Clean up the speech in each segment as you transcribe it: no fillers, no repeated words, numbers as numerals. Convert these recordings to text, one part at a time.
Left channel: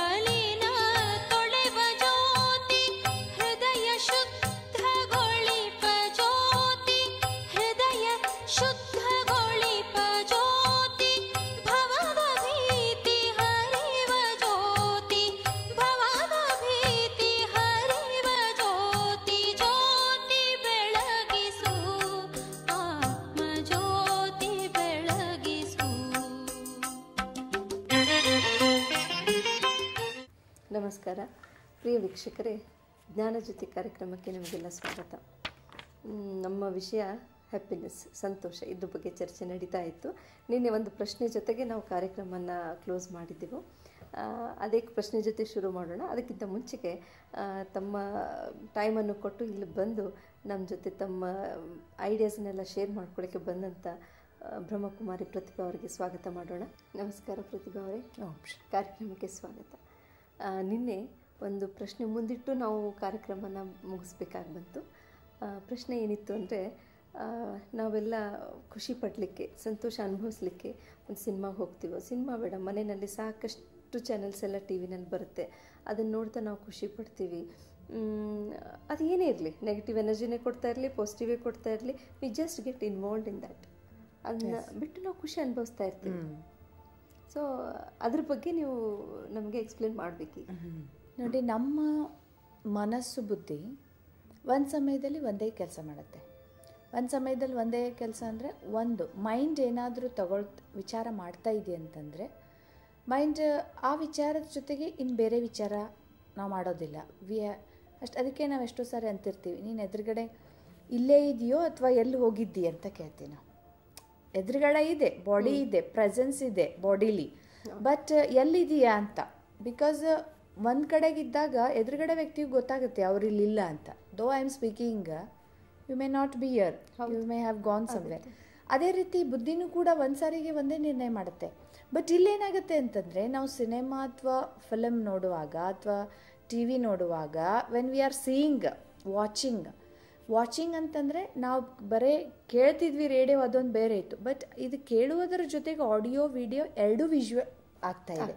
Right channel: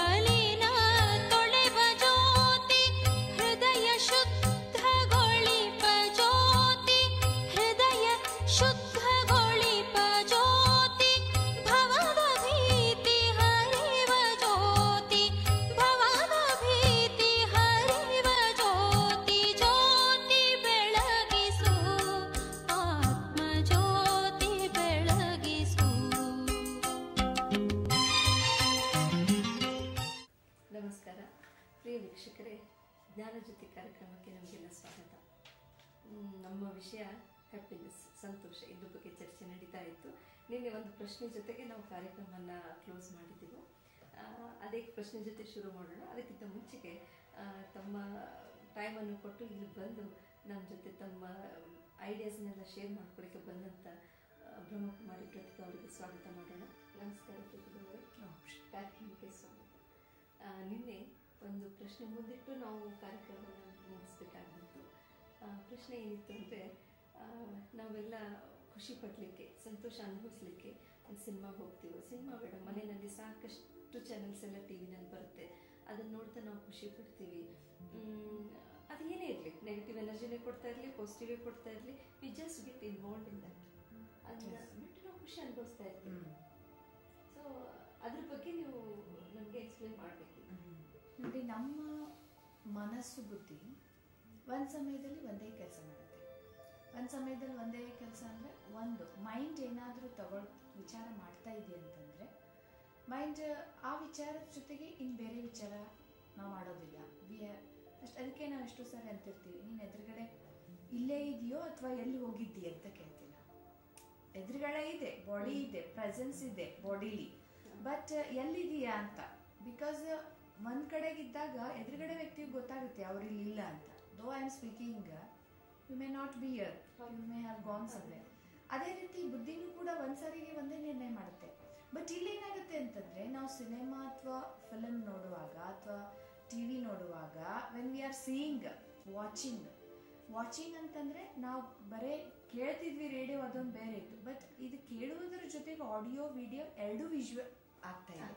ಮಲಿನ ತೊಳೆವ ಜ್ಯೋತಿ ಹೃದಯ ಶುದ್ಧಗೊಳಿಪ ಜ್ಯೋತಿ ಹೃದಯ ಶುದ್ಧಗೊಳಿಪ ಜ್ಯೋತಿ ಭವದ ಭೀತಿ ಹರಿವ ಜ್ಯೋತಿ ಭವದ ಭೀತಿ ಹರಿವ ಜ್ಯೋತಿ ಜ್ಯೋತಿ ಬೆಳಗಿಸು ಆತ್ಮ ಜ್ಯೋತಿ ಬೆಳಗಿಸು. ನಮಸ್ಕಾರ ಪ್ರಿಯ ವೀಕ್ಷಕರೇ, ಜ್ಞಾನಜ್ಯೋತಿ ಕಾರ್ಯಕ್ರಮಕ್ಕೆ ನಿಮಗೆಲ್ಲ ಸ್ವಾಗತ. ನಮ್ಮ ವಿಷಯ ಹ್ಯಾಪಿನೆಸ್, ಸಂತೋಷ, ಇದ್ರ ಬಗ್ಗೆ ಚರ್ಚೆ ನಡೀತಾ ಇತ್ತು. ನಿನ್ನೆ ಒಂದು ಪ್ರಶ್ನೆ ಜೊತೆಗೆ ನಾವು ಕಾರ್ಯಕ್ರಮನ ಕ್ಲೋಸ್ ಮಾಡಿದ್ದೆವು. ಅದೇ ಪ್ರಶ್ನೆ ಜೊತೆ ಶುರು ಮಾಡೋಣ. ಅದಕ್ಕಿಂತ ಮುಂಚೆಗೆ ತಮ್ಮ ಟೈಮನ್ನು ಕೊಟ್ಟು ಇಲ್ಲಿ ಬಂದು ನಮ್ಮ ಜೊತೆ ತಮ್ಮ ಐಡಿಯಾಸ್ನೆಲ್ಲ ಶೇರ್ ಮಾಡ್ಕೊಳ್ಳೋಕ್ಕೆ ಬಂದಂಥ ಬ್ರಹ್ಮಕುಮಾರಿ ಪ್ರತಿಭಾ ಅವರಿಗೆ ಸ್ವಾಗತ ಮಾಡೋಣ. ನಮಸ್ಕಾರ ಪ್ರತಿಭಾ ಅವರೇ, ಕಾರ್ಯಕ್ರಮಕ್ಕೆ ಸ್ವಾಗತ. ನಿನ್ನೆ ಒಂದು ಪ್ರಶ್ನೆ ಮುಂದಿಟ್ಟು ನಾವು ಕಾರ್ಯಕ್ರಮನ ಮುಗಿಸ್ಬೇಕಾಗಿ ಬಂತು. ಪ್ರಶ್ನೆ ಏನಿತ್ತು ಅಂದರೆ, ನಾವೆಲ್ಲ ಖುಷಿ ಪಡಲಿಕ್ಕೆ, ಸಂತೋಷ ಅನುಭವಿಸ್ಲಿಕ್ಕೆ ಒಂದು ಸಿನಿಮಾಗೆ ಹೋಗ್ತೀವೋ, ಸಿನಿಮಾ ಬೇಡ, ಮನೆಯಲ್ಲಿ ಸಾಕಷ್ಟು ಚಾನೆಲ್ಸ್ ಎಲ್ಲ ಟಿ ವಿನಲ್ಲಿ ಬರುತ್ತೆ, ಅದನ್ನು ನೋಡ್ತಾ ನಾವು ಖುಷಿ ಪಡ್ತೀವಿ. ಅದು ಏನೇ ಇರಲಿ, ನೆಗೆಟಿವ್ ಎನರ್ಜಿನೇ ಕೊಡ್ತಾ ಇರಲಿ, ಪಾಸಿಟಿವೇ ಕೊಡ್ತಾ ಇರಲಿ, we just get involved in that. ಅದನ್ನ ಬಿಟ್ಟು ನಾವು ಖುಷಿ ಅನುಭವಿಸ್ತಾ ಇರ್ತೀವಿ. ಸೊ ಅದ್ರ ಬಗ್ಗೆ ನೀವು ನಮಗೆ ಎಕ್ಸ್ಪ್ಲೇನ್ ಮಾಡಬೇಕು. ನೋಡಿ, ನಮ್ಮ ಮನಸ್ಸು ಬುದ್ಧಿ ಒಂದು ಸಮಯದಲ್ಲಿ ಒಂದೇ ಕೆಲಸ ಮಾಡುತ್ತೆ. ಒಂದು ಸಮಯದಲ್ಲಿ ಒಂದೇ ಕೆಲಸ ಅಂದರೆ, ಒಂದು ಮೈಂಡ್ ಏನಾದರೂ ವಿಚಾರ ಮಾಡ್ತಾ ಇದೆ ಅಂತಂದರೆ ಮೈಂಡ್ ಆ ವಿಚಾರದ ಜೊತೆಗೆ ಇನ್ನು ಬೇರೆ ವಿಚಾರ ನಾವು ಮಾಡೋದಿಲ್ಲ. ಅದಕ್ಕೆ ನಾವು ಎಷ್ಟೋ ಸಾರಿ ಅಂತಿರ್ತೀವಿ, ನೀನು ಎದುರುಗಡೆ ಇಲ್ಲೇ ಇದೆಯೋ ಅಥವಾ ಎಲ್ಲಿ ಹೋಗಿದ್ದಿ ಅಂತ ಕೇಳ್ತೀವಿ ನಾವು. ಎದುರುಗಡೆ ಇದೆ, ಬಾಡಿ ಇದೆ, ಪ್ರೆಸೆನ್ಸ್ ಇದೆ ಬಾಡಿಲಿ, ಬಟ್ ಎಲ್ಲಿದೆಯಾ ಅಂತ. ಬಿಕಾಸ್ ಒಂದು ಕಡೆಗಿದ್ದಾಗ ಎದುರುಗಡೆ ವ್ಯಕ್ತಿಗೆ ಗೊತ್ತಾಗುತ್ತೆ ಅವ್ರು ಇಲ್ಲಿಲ್ಲ ಅಂತ. Though I am speaking, you may not be here, you may have gone somewhere. ಅದೇ ರೀತಿ ಬುದ್ಧಿನೂ ಕೂಡ ಒಂದು ಸಾರಿಗೆ ಒಂದೇ ನಿರ್ಣಯ ಮಾಡುತ್ತೆ. ಬಟ್ ಇಲ್ಲೇನಾಗುತ್ತೆ ಅಂತಂದರೆ, ನಾವು ಸಿನಿಮಾ ಅಥವಾ ಫಿಲಮ್ ನೋಡುವಾಗ ಅಥವಾ ಟಿ ವಿ ನೋಡುವಾಗ, when we are seeing, watching ಅಂತಂದರೆ ನಾವು ಬರೀ ಕೇಳ್ತಿದ್ವಿ ರೇಡಿಯೋ, ಅದೊಂದು ಬೇರೆ ಇತ್ತು. ಬಟ್ ಇದು ಕೇಳುವುದರ ಜೊತೆಗೆ ಆಡಿಯೋ ವಿಡಿಯೋ ಎರಡೂ ವಿಜುವಲ್ ಆಗ್ತಾ ಇದೆ.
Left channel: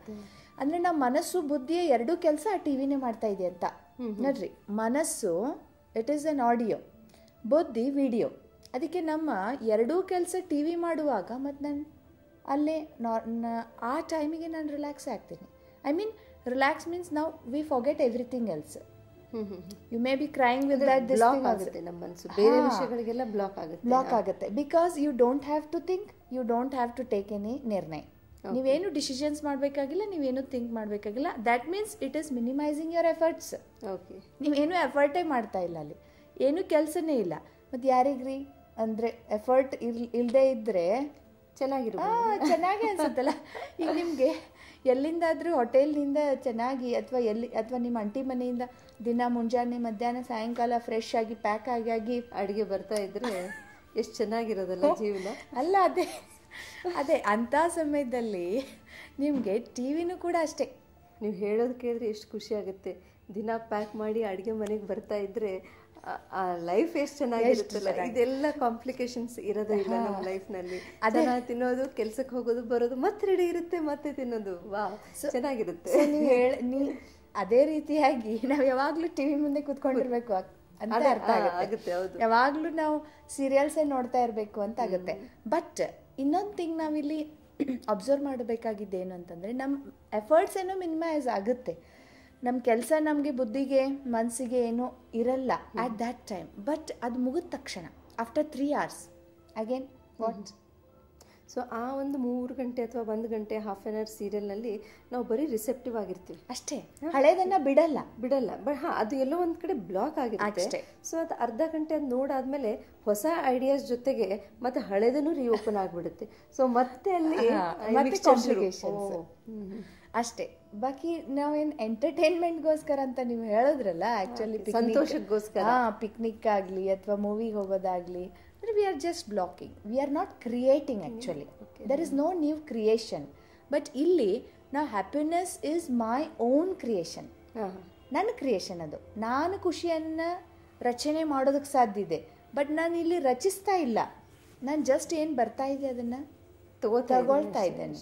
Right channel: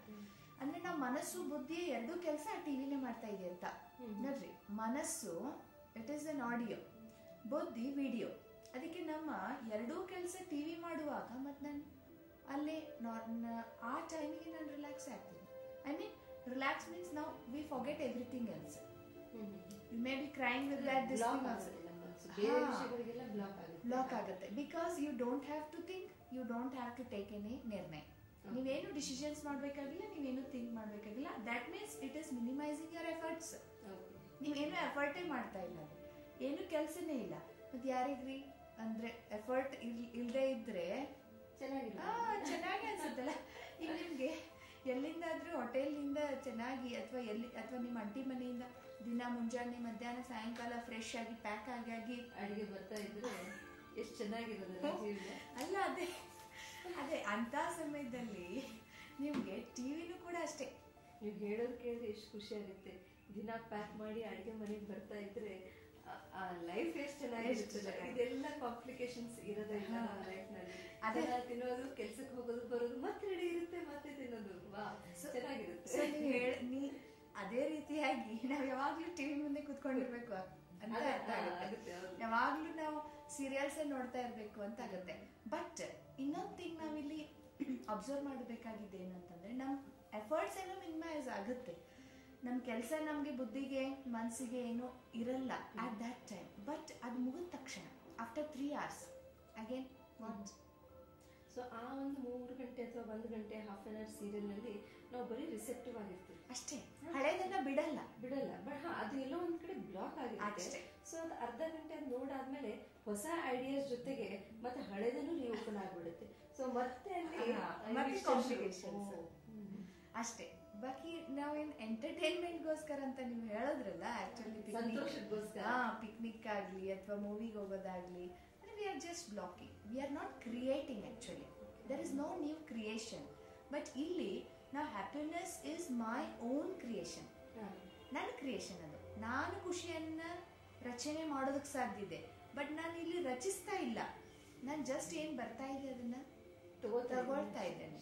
ಅಂದರೆ ನಮ್ಮ ಮನಸ್ಸು ಬುದ್ಧಿಯ ಎರಡೂ ಕೆಲಸ ಆ ಟಿ ವಿನೇ ಮಾಡ್ತಾ ಇದೆ ಅಂತ. ನೋಡ್ರಿ, ಮನಸ್ಸು ಇಟ್ ಈಸ್ ಎನ್ ಆಡಿಯೋ, ಬುದ್ಧಿ ವಿಡಿಯೋ. ಅದಕ್ಕೆ ನಮ್ಮ ಎರಡೂ ಕೆಲಸ ಟಿ ವಿ ಮಾಡುವಾಗ ಮತ್ತು ನಾನು ಅಲ್ಲೇ ಆ ಟೈಮಿಗೆ ನಾನು ರಿಲ್ಯಾಕ್ಸ್ ಆಗ್ತೀನಿ. ಐ ಮೀನ್ ರಿಲ್ಯಾಕ್ಸ್ ಮೀನ್ಸ್ ನಾವು we forget everything else. You may be crying with that, this thing ಆಗುತ್ತೆ ನಮ್ಮ ಮನಸ್ಸು, ಬೇರೆ ವಿಷಯಗಳಿಗೆಲ್ಲ ಬ್ಲಾಕ್ ಆಗುತ್ತೆ. Because you don't have to think, you don't have to take any ನಿರ್ಣಯ. ನೀವೇನು ಡಿಸಿಷನ್ಸ್ ಮಾಡಬೇಕಾಗಿಲ್ಲ, ನೀವೇನು ಥಿಂಕ್ ಮಾಡಬೇಕಾಗಿಲ್ಲ. That means it is minimising your efforts. Okay, ನೀವೇನು ಎಫರ್ಟೇ ಮಾಡ್ತಾ ಇಲ್ಲ, ಅಲ್ಲಿ ಏನು ಕೆಲಸನೇ ಇಲ್ಲ. ಮತ್ತು ಯಾರಿಗ್ರಿ ಅಂದರೆ ಎಫರ್ಟ್ ಇಲ್ಲದೆ ಇದ್ದರೆ ಚೆನ್ನಾಗಿ ಅನ್ಸುತ್ತಲ್ಲ. ಈಗ ನಿಮಗೆ ಎಲ್ಲಿಂದಾದರೂ ಹೋಟೆಲ್ನಿಂದ ಚೆನ್ನಾಗಿ ಅಥವಾ ನಿಮ್ಮ ಅಂಟಿ ಮನೆಯಿಂದ ದಿನ ಮುಂಜಾನೆ ಮಧ್ಯಾಹ್ನ ಸಾಯಂಕಾಲ ಫ್ರೆಶ್ ಆಗಿ ಪ್ಯಾಕ್ ಆಗಿ ಅಡುಗೆ ಬರ್ತಾ ಇದ್ರೆ ಎಷ್ಟು ಚೆನ್ನಾಗಿರೋದಲ್ಲ ಜೀವನ ಅಲ್ಲ. ಅದೇ ಅಂಥ ಸಮಯದಲ್ಲಿ ನಿಮಗೆ ಟಿ ವಿನೂ ಕೂಡ ಅಷ್ಟೇ. ನೀವು ಹೇಳೋದು ಕೇಳಿದ್ರೆ ಎಷ್ಟು ಖುಷಿ ಆಗುತ್ತೆ. ದಿನ ಪ್ಯಾಕ್ ಮಾಡಿ ಅಡುಗೆ ಮನೆಗೆ ಬರ್ತಾ ಇದ್ರೆ ಆ ಲೈಫ್ ಎಷ್ಟು ಚೆನ್ನಾಗಿರುತ್ತಲ್ಲ. ಇದೆಲ್ಲ ಕಾಂಪ್ಲಿಕೇಶನ್ಸ್ ಇರೋದೇ ಇಲ್ಲ ನಮ್ಮ ಲೈಫ್ನಲ್ಲಿ. ಅದನ್ನ ತಿನ್ನೋದು, ಕೆಲ್ಸಕ್ಕೆ ಹೋಗೋದು, ಬರೋದು, ಮತ್ತೆ ರೆಡಿ ಇರುತ್ತೆ, ಮತ್ತೆ ತಿನ್ನೋದು, ವಾ ಚೆನ್ನಾಗಿರುತ್ತೆ. ಅದೇ ರೀತಿಯಾಗಿ ನಾವು ಯಾವಾಗಲೂ ಟಿ ವಿ ಮುಂದೆ ಕೂತ್ಕೊಂಡಿರ್ಬೇಕು ಅಂತ ಅರ್ಥ ಆಗುತ್ತೆ. ಯಾವಾಗಲೂ ನಾವು ಸೀರಿಯಲ್ಸೇ ನೋಡ್ತಾ ಇರಬೇಕು ಅಂತ ಆಗುತ್ತೆ. ಬಟ್ ಇನ್ನೊಂದು ಥಿಂಗ್ ನಾವಿಲ್ಲಿ ಅಬ್ಸರ್ವ್ ಮಾಡಬೇಕಾಗಿದ್ದೇನು ಅಂತಂದರೆ, ನಮ್ಮ ಎಫರ್ಟ್ಸ್ ಏನೋ ಮಿನಿಮೈಸ್ ಆಗುತ್ತೆ. ನಮ್ಮ ಕೆಲಸ ನಮಗೆ ಬುದ್ಧಿಗೆ ಮನಸ್ಸಿಗೆ ಏನೂ ಇರಲ್ಲ ಆಟ್ ದ್ಯಾಟ್ ಟೈಮ್. ಬಟ್ ಅದು ಮುಗಿದ ತಕ್ಷಣ after 3 hours again what. So ಆ ಒಂದು 3 ಗಂಟೆ ಅಥವಾ 1 ಗಂಟೆ ಹಾಫ್ ಆನ್ ಅವರ್ ಸೀರಿಯಲ್ನಲ್ಲಿ ನಾವು ಬರೀ ರಿಸೆಪ್ಟಿವ್ ಆಗಿರ್ತೀವಿ ಅಷ್ಟೇ. ಹಳೇದನ್ನ ಬಿಡಲ್ಲ. ಬಟ್ ಅದು ಎಲ್ಲೋ ಒಂದು ಕಡೆ ಬ್ಲಾಕ್ ಆಗಿರುತ್ತೆ. ಸೊ ಅದು ಅರ್ಧ ಗಂಟೆ ಅದು ನೋಡಾದ್ಮೇಲೆ ಹೊಸ ಐಡಿಯಾಸ್ ಜೊತೆಗೆ ಮತ್ತೆ ಹಳೇದನ್ನು ರೀಓಪನ್ ಆಗಿಬಿಡುತ್ತೆ. ಸೊ ಮತ್ತೆ ಅಲ್ಲಿ ಕಾಂಪ್ಲಿಕೇಶನ್ಸ್ ಅಷ್ಟೇ. ಬಾಕಿ ನಾವೇನು ಎಂಟರ್ಟೈನ್ಮೆಂಟ್ಗೋಸ್ಕರ ಅಂತ ನೀವು ಹೇಳಿದ್ರಲ್ಲ, ಆ್ಯಕ್ಚುಲಿ ಸಂತೋಷಕ್ಕೋಸ್ಕರ ಪಿಕ್ನಿಕ್ ಆಗಲಿ ಅಥವಾ ಮೂವಿಗೆ ಹೋಗೋದಾಗಲಿ, we are just blocking, we are not creating actually. There is no new creation. But ಇಲ್ಲಿ now happiness is my own creation. ನನ್ನ ಕ್ರಿಯೇಷನ್ ಅದು. ನಾನು ಖುಷಿಯನ್ನು ರಚನೆ ಮಾಡೋದಕ್ಕೆ ಸಾಧ್ಯ ಇದೆ, ಬಟ್ ನಾನು ಇಲ್ಲಿ ರಚಿಸ್ತಾ ಇಲ್ಲ. ನಾನು ಜಸ್ಟ್ ಏನು ಬರ್ತಾ ಇದೆ ಅದನ್ನು ತಗೊಳ್ತಾ ಇದ್ದೇನೆ.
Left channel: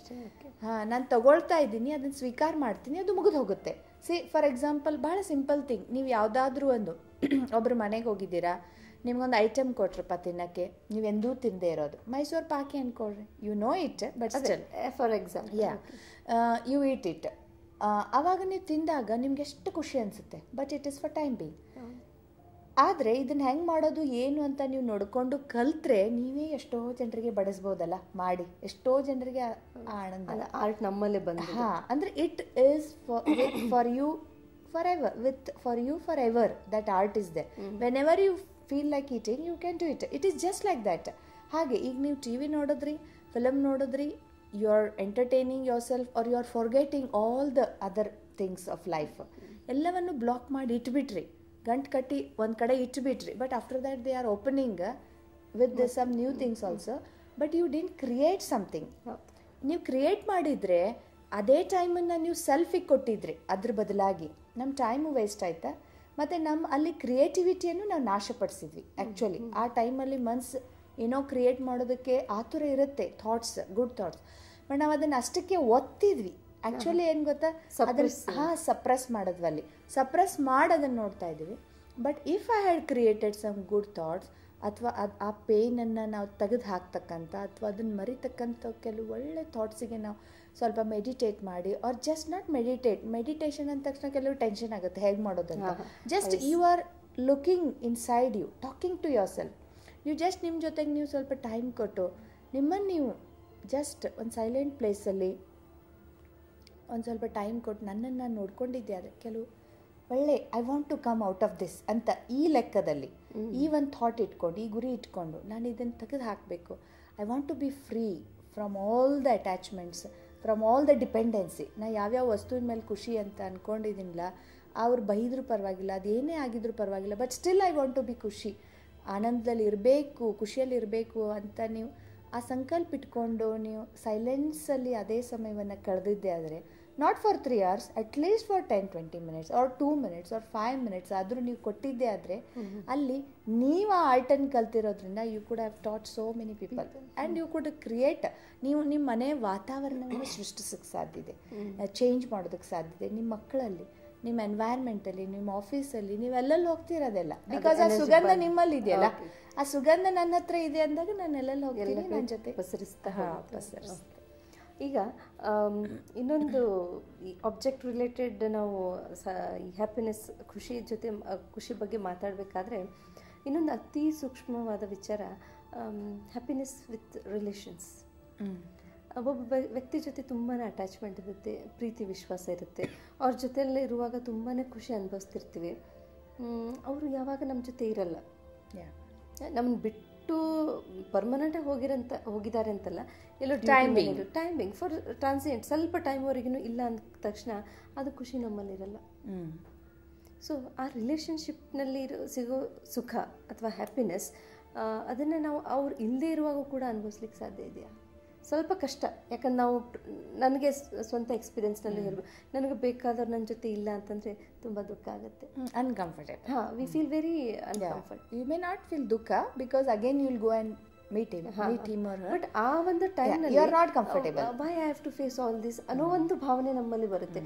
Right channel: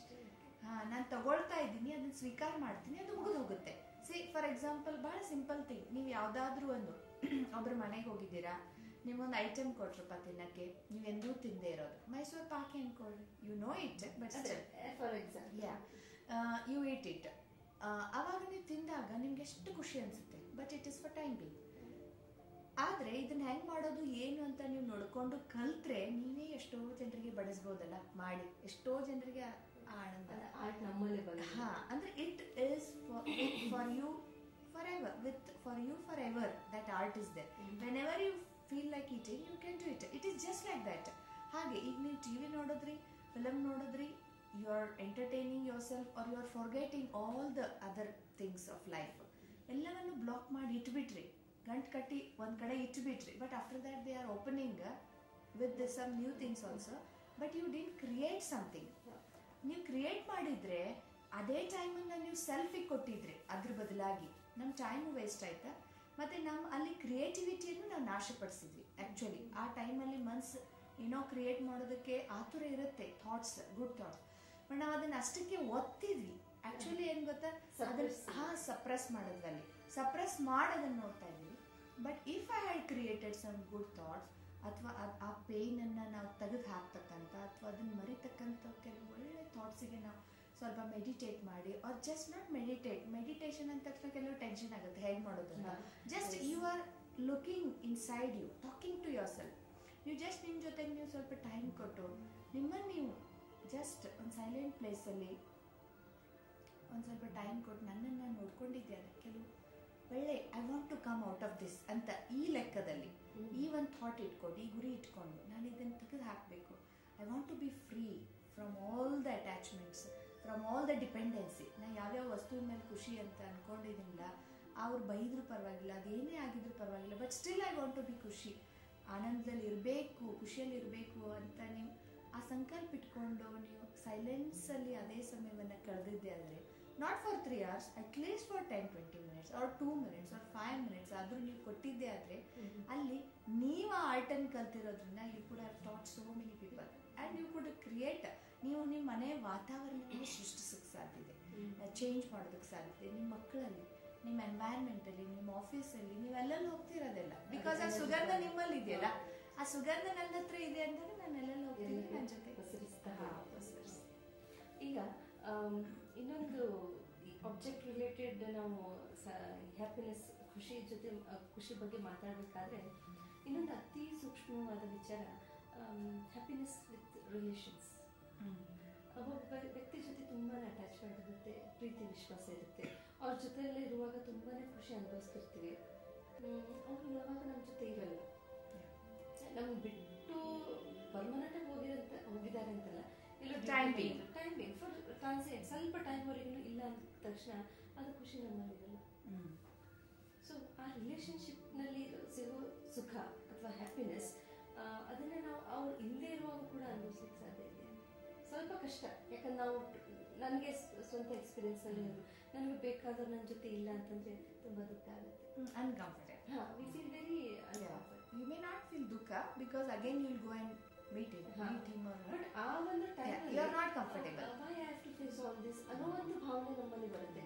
ನಾನು ತಗೊಳ್ತಾ ಇದ್ದೀನಿ, ಅದನ್ನು ಸ್ವೀಕಾರ ಮಾಡ್ತೀನಿ, ಅದು ಮುಗಿದು ಹೋಗುತ್ತೆ. ಫಾರ್ ಎಕ್ಸಾಂಪಲ್ ಭಾಳ ಸಿಂಪಲ್ ಥಿಂಗ್, ನೀವು ಯಾವುದಾದ್ರೂ ಒಂದು ಒಬ್ಬರು ಮನೆಗೆ ಹೋಗಿದ್ದೀರಾ, ನಿಮ್ಗೊಂದು ಐಟಮ್ ಕೊಟ್ರಪ್ಪ ತಿನ್ನೋಕ್ಕೆ, ನೀವೆಂದೂ ತಿಂದೇ ಇರೋದು, ಮೈಸೂರು ಪಾಕಿ ಅಂದ್ಕೊಳ್ರಿ, you know it, but still for example you eat it. ಆವಾಗ ನೀವು ತಿಂದಾಗ ನಿಮ್ಗೆ ಎಷ್ಟು ಖುಷಿ ಅನಿಸುತ್ತೆ, but it is for time being. ಆದರೆ ಇದನ್ನು ಹೆಂಗೆ ಮಾಡೋದು ಏನು ಅಂತ ನೀವು ನೋಡಿಕೊಂಡು ಕಲ್ತ್ರೆ ನೀವೇ ಎಷ್ಟೋ ಜನರಿಗೆ ಬಡಿಸ್ಬೋದಲ್ಲ, ಮಾಡಿ ಎಷ್ಟೋ ಜನರಿಗೆ ಆನಂದ. ಆರ್ಟ್ ನಮ್ಮಲ್ಲೇ ಬಂದು. ಅಂದರೆ it is for you forever, for you forever, that art is there. Whenever you feel like eating you can do it. It is just like that. ಹಾಗೆ ಈಗ ನೀವು ಟಿ ವಿ ನೋಡಿದ್ರಿ, film ನೋಡಿದ್ರಿ, you are entertaining yourself are you are forgetting all the other things of life. ಎಲ್ಲವನ್ನು block ಮಾಡಿ ಇಟ್ಬಿಟ್ರಿ, ಗಂಟು ಕಟ್ಟಿ ಒಂದು ಕಡೆ ಇಟ್ಬಿಟ್ರಿ, but after that they R opening with some new things also, but you didn't create something. ನೀವು create ಮಾಡಿದರೆ ಅದೇ ಟೈಮನ್ನು ನೀವು ಸೆಲ್ಫಿಗೆ ಕೊಟ್ಟಿದ್ರಿ, ಅದ್ರ ಬದಲಾಗಿ ನಮ್ಮ ಟೈಮು ವೇಸ್ಟ್ ಆಯಿತಾ, ಮತ್ತು ನಮ್ಮ ಅಲ್ಲಿ ಕ್ರಿಯೇಟಿವಿಟಿಯನ್ನು ನಾವು ನಾಶಪಡಿಸಿದ್ವಿ. ಆ್ಯಕ್ಚುಲಿ ಆ ಟೈಮಲ್ಲಿ ಮನ್ಸು ಏನೋ ಕ್ರಿಯೇಟ್ ಮಾಡೋದಕ್ಕೆ ಆತುರ ಇರುತ್ತೆ, ಥಾಟ್ಸ್, ಗುಡ್ ಥಾಟ್ಸ್, ಬಟ್ ನಾವು ಅದನ್ನು ಅಷ್ಟಕ್ಕೆ ಒತ್ತಿದ್ವಿ. ಆ್ಯಕ್ಚುಲಿ ಏನು ಗೊತ್ತಾ, ಅದನ್ನು ಸಪ್ರೆಸ್ ಮಾಡಿದ್ವಿ, ಅಲ್ಲಿ ಸಪ್ರೆಸ್ ಮಾಡೋದನ್ನು ನೋಡ್ತಾ ಇದ್ದೀವಿ. But if I had created some good thoughts, ಅಥವಾ ಆ ಪೇನನ್ನು ನಾವು ತೆಗೆದು ಹಾಕ್ತಕ್ಕಂಥ ಅಥವಾ ಅದನ್ನು ಮರಿತಕ್ಕಂಥ ಕೆಲವು ಒಳ್ಳೆ ಥಾಟ್ಸಿಗೆ ನಾವು ಸ್ವಲ್ಪ ಮೆಡಿಟೇಟ್ ಮಾಡಿ, ಆರ್ ಜಸ್ಟ್ ನಾಟ್ ಮೆಡಿಟೇಷನ್ ಅಂದ ತಕ್ಷಣ ಕೆಲವು ಟೆನ್ಷನ್ ಆಗುತ್ತೆ ಹೇಗೆ ಮಾಡೋದಂತ. Just you are looking inside you, talking to yourself. ನೀವು ಜಸ್ಟ್ ನಿಮ್ಮ ಜೊತೆಗೆ ನೀವು ಸ್ವಲ್ಪ ಟೈಮ್ ಕೊಟ್ಟು ನಿಮ್ಮನ್ನು ನೀವು ಜಸ್ಟ್ ಒಂದು ಸೈಲೆಂಟ್ ಪ್ಲೇಸಲ್ಲಿ ಒಂದು ಸ್ವಲ್ಪ ಟೈಮ್ ಕೊಟ್ಟು ನನ್ನನ್ನು ನಾನು ನೋಡ್ಕೊಂಡಿದ್ದೆ. ಆದರೆ ಕೆಲವು ಒಳ್ಳೆ I want to come out of this ಅಂತ ಈ ಲೆಕ್ಕದಲ್ಲಿ ಈ ಒಂದು ಥಾಟ್ ಇಟ್ಕೊಂಡು, ಈ ಗುರಿ ಇಟ್ಕೊಂಡು ನಾನು ಇದನ್ನು ತೆಗೆದು ಹಾಕಬೇಕು. I want to be free from all the attachments, from all the dependency. ನಾನು ಯಾವ್ಯಾವ ವಸ್ತುವಿನ ಮೇಲೆ ಖುಷಿ ಅಂತ ಅಂದ್ಕೊಂಡಿದ್ದೀನಿಲ್ಲ, ಅವ್ರು ಬೈದರೂ ಪರವಾಗಿಲ್ಲ, ಅದೇನೇ ಆಗಿದ್ರೂ ಪರವಾಗಿಲ್ಲ, but still I want to be ಖುಷಿ, ಆನಂದದಲ್ಲಿ ಇರಬೇಕು, ಖುಷಿಯಲ್ಲಿ ಇರಬೇಕು ಅಂತ ನೀವು ಆ ಸಂಕಲ್ಪ ಇಟ್ಕೊಂಡು ನೀವು ಸೈಲೆನ್ಸಲ್ಲಿ ಅದೇ ಸಮಯವನ್ನು ಕಳೆದಿದ್ದೆ ಆದರೆ, not for 3 hours, at least for 10-20 minutes or 2 minutes or 5 minutes ಆದರೂ ನೀವು ಕೊಟ್ಟಿದ್ದೆ ಆದರೆ, ಅಲ್ಲಿ ನೀವು ಆ ಆರ್ಟನ್ನು ಕಲ್ತಿರೋದ್ರಿಂದ you could have taught so many people and you could create. ನೀವು ನಿಮ್ಮ ಮನೆ ವಾತಾವರಣವನ್ನು ಸೃಷ್ಟಿಸೋಕ್ಕೆ ಸಾಧ್ಯ ಇದೆ, ಚೇಂಜ್ ಮಾಡೋದಕ್ಕೆ ಸಾಧ್ಯ ಇದೆ. ನಿಮ್ಮ ಮಕ್ಕಳಲ್ಲಿ, ನಿಮ್ಮ ಎನ್ವೈರ್ಮೆಂಟಲ್ಲಿ, ನಿಮ್ಮ ಆಫೀಸಲ್ಲಿ, ನೀವೆಲ್ಲಲ್ಲಿ ಹೋಗ್ತಿರೋದೆಲ್ಲ ಬಿಕಾಸ್ ಆ ಸುಗಂಧ ನಿಮ್ಮಲ್ಲಿ ಇದೆಯಲ್ಲ, ಆ ಸುಗಂಧ ನನ್ನ ಹತ್ರ ಇದೆ ಅಂದಾಗ ನಾನು ಎಲ್ಲೆಲ್ಲಿ ಹೋಗ್ತೀನಿ, ನನ್ನ ಜೊತೆ ಪಸರಿಸ್ತಾ. ಈಗ ಇನ್ನೊಂದು ಈ ಆಬ್ಜೆಕ್ಟ್ ರಿಲೇಟೆಡ್ ನಾವು ಈ ಹ್ಯಾಪಿನೆಸ್, ಖುಷಿ ಬಗ್ಗೆ ಮಾತಾಡಬೇಕಾದ್ರೆ ಇನ್ನೊಂದು ಅತಿ ಸೂಕ್ಷ್ಮವಾದ ವಿಚಾರ, ಹ್ಯಾಪಿನೆಸ್ ವಿತ್ ರಿಲೇಷನ್ಸ್. ಒಬ್ಬೊಬ್ಬ ವ್ಯಕ್ತಿ ಜೊತೆ ತುಂಬಾ ಅಟ್ಯಾಚ್ಮೆಂಟ್ ಇರುತ್ತೆ, ಪ್ರೀತಿ ವಿಶ್ವಾಸ ಇರುತ್ತೆ, ಅವ್ರ ಜೊತೆಯಲ್ಲೇ ಇರುವಾಗ ತುಂಬಾ ಖುಷಿ ಅನುಭವಿಸ್ತಿರ್ತೀವಿ. ಅವರು ಯಾವಾಗ ನಮ್ಮ ಜೊತೆ ಇರಲ್ಲ, ನಮ್ಮನ್ನು ಬಿಟ್ಟು ಪರ್ಮನೆಂಟಾಗಿ ಹೋಗಿದ್ದಾರೆ ಅಂತಲ್ಲ, ಎಲ್ಲೋ ಟೈಮಿಂಗ್ ಫಾರ್ ಟ್ರಾನ್ಸಿಯೆಂಟ್, ಸ್ವಲ್ಪ ಟೈಮ್ವರೆಗೂ ಇಲ್ಲ ಅಂದ ತಕ್ಷಣ ಅದು ಖುಷಿ ನಮ್ಮಲ್ಲಿರಲ್ಲ. ಸೊ ಆ ರಿಲೇಷನ್ಶಿಪ್ನಲ್ಲಿ ಸಿಗೋ ಸುಖ ಅಥವಾ ಹ್ಯಾಪಿನೆಸ್, ಅದನ್ನು ನಾವು ಅವ್ರು ಇಲ್ಲದೆ ಇರುವಾಗ ಕೂಡ ಅನುಭವಿಸ್ಲಿಕ್ಕೆ ಸಾಧ್ಯ ಇದೆಯಾ? ಸ್ವಲ್ಪ ಕಷ್ಟ. ಯಾಕಂದ್ರೆ ನಾವು, ನನಗೆ ಸ್ವಂತ ಎಕ್ಸ್ಪೀರಿಯನ್ಸ್ನಲ್ಲಿ ಹೇಳ್ಬೋದು, ನನಗೆ ಬೇಕಾದವ್ರು ನನ್ನ ಜೊತೆ ಇಲ್ಲ ಅಂತಂದರೆ ತುಂಬ ದುಃಖ ಆಗುತ್ತೆ, uncomfortable. We feel very uncomfortable. You may not feel ದುಃಖ because again you will go and meet him or her, but ಆ ಒಂದು ಟೈಮ್ನಲ್ಲಿ you are not comfortable, why I have to face all this ಅನ್ನೋ ಒಂದು ಭಾವನೆ ನಮ್ಮಲ್ಲಿ ಬರುತ್ತೆ.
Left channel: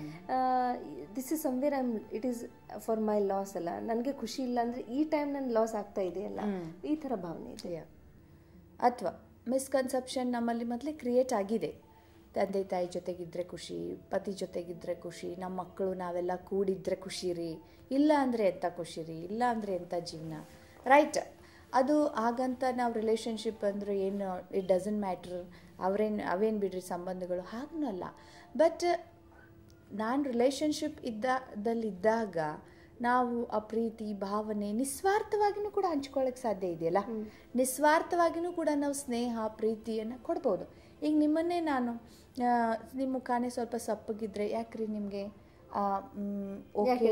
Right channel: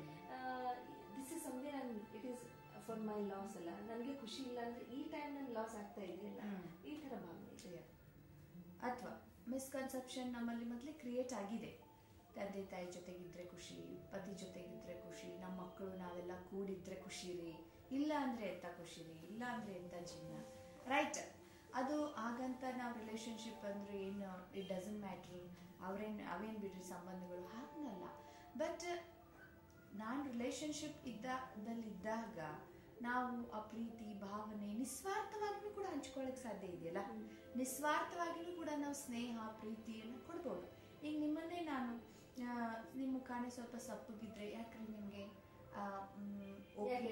This is somewhere it is for my loss ಅಲ್ಲ, ನನಗೆ ಖುಷಿ ಇಲ್ಲ ಅಂದರೆ ಈ ಟೈಮ್ ನನ್ನ ಲಾಸ್ ಆಗ್ತಾ ಇದೆಯಲ್ಲ, ಈ ಥರ ಭಾವನೆ ಇದೆ. ಅಥವಾ ಮಿಸ್ಕನ್ಸೆಪ್ಷನ್ ನಮ್ಮಲ್ಲಿ ಮೊದಲೇ ಕ್ರಿಯೇಟ್ ಆಗಿದೆ. ತಂದೆ ತಾಯಿ ಜೊತೆಗಿದ್ರೆ ಖುಷಿ, ಪತಿ ಜೊತೆಗಿದ್ರೆ ಖುಷಿ, ನಮ್ಮ ಮಕ್ಕಳು ನಾವೆಲ್ಲ ಕೂಡಿದ್ರೆ ಖುಷಿ ರೀ, ಇಲ್ಲ ಅಂದರೆ ಎಂಥ ಖುಷಿ ರೀ, ಇಲ್ಲ ಅಂದರೆ ಎಂಥ ಜೀವನ, ರೈಟ್? ಅದು ಹಾಗಂತ ನಾವು ರಿಲೇಷನ್ಶಿಪ್ ಅಂದರೆ ಏನು, ಇಟ್ ಡಸಂಟ್ ಮ್ಯಾಟ್ರ್, ಅವೇನು ಬಿಡ್ರಿ ಸಂಬಂಧಗಳು, ಹಾಗೂ ಅಲ್ಲ. ಬಟ್ ನಾನು ರಿಲೇಷನ್ಶಿಪ್ ಇದ್ದಾಗ ನಾವು ಆ ಪ್ರೀತಿ ಭಾವನೆ ನಿಸ್ವಾರ್ಥವಾಗಿಯೂ ಕೂಡ ಹಂಚ್ಕೊಳ್ಳೋಕ್ಕೆ ಸಾಧ್ಯ ಇದೆಯಲ್ಲ, ನಿಸ್ವಾರ್ಥವಾಗಿಯೂ ಕೂಡ ನಾವು ಸ್ನೇಹ ಪ್ರೀತಿಯನ್ನು ಕೊಡ್ಬೋದು. ಈಗ ನಿಮ್ಮನ್ನೇ ನಾನು, ನಿಮ್ಮ ಮುಖಾನೇ ಸ್ವಲ್ಪ ಸಪ್ಪಗಿದ್ರೆ, ಯಾಕ್ರಿ ನಿಮಗೆ ಓಕೆ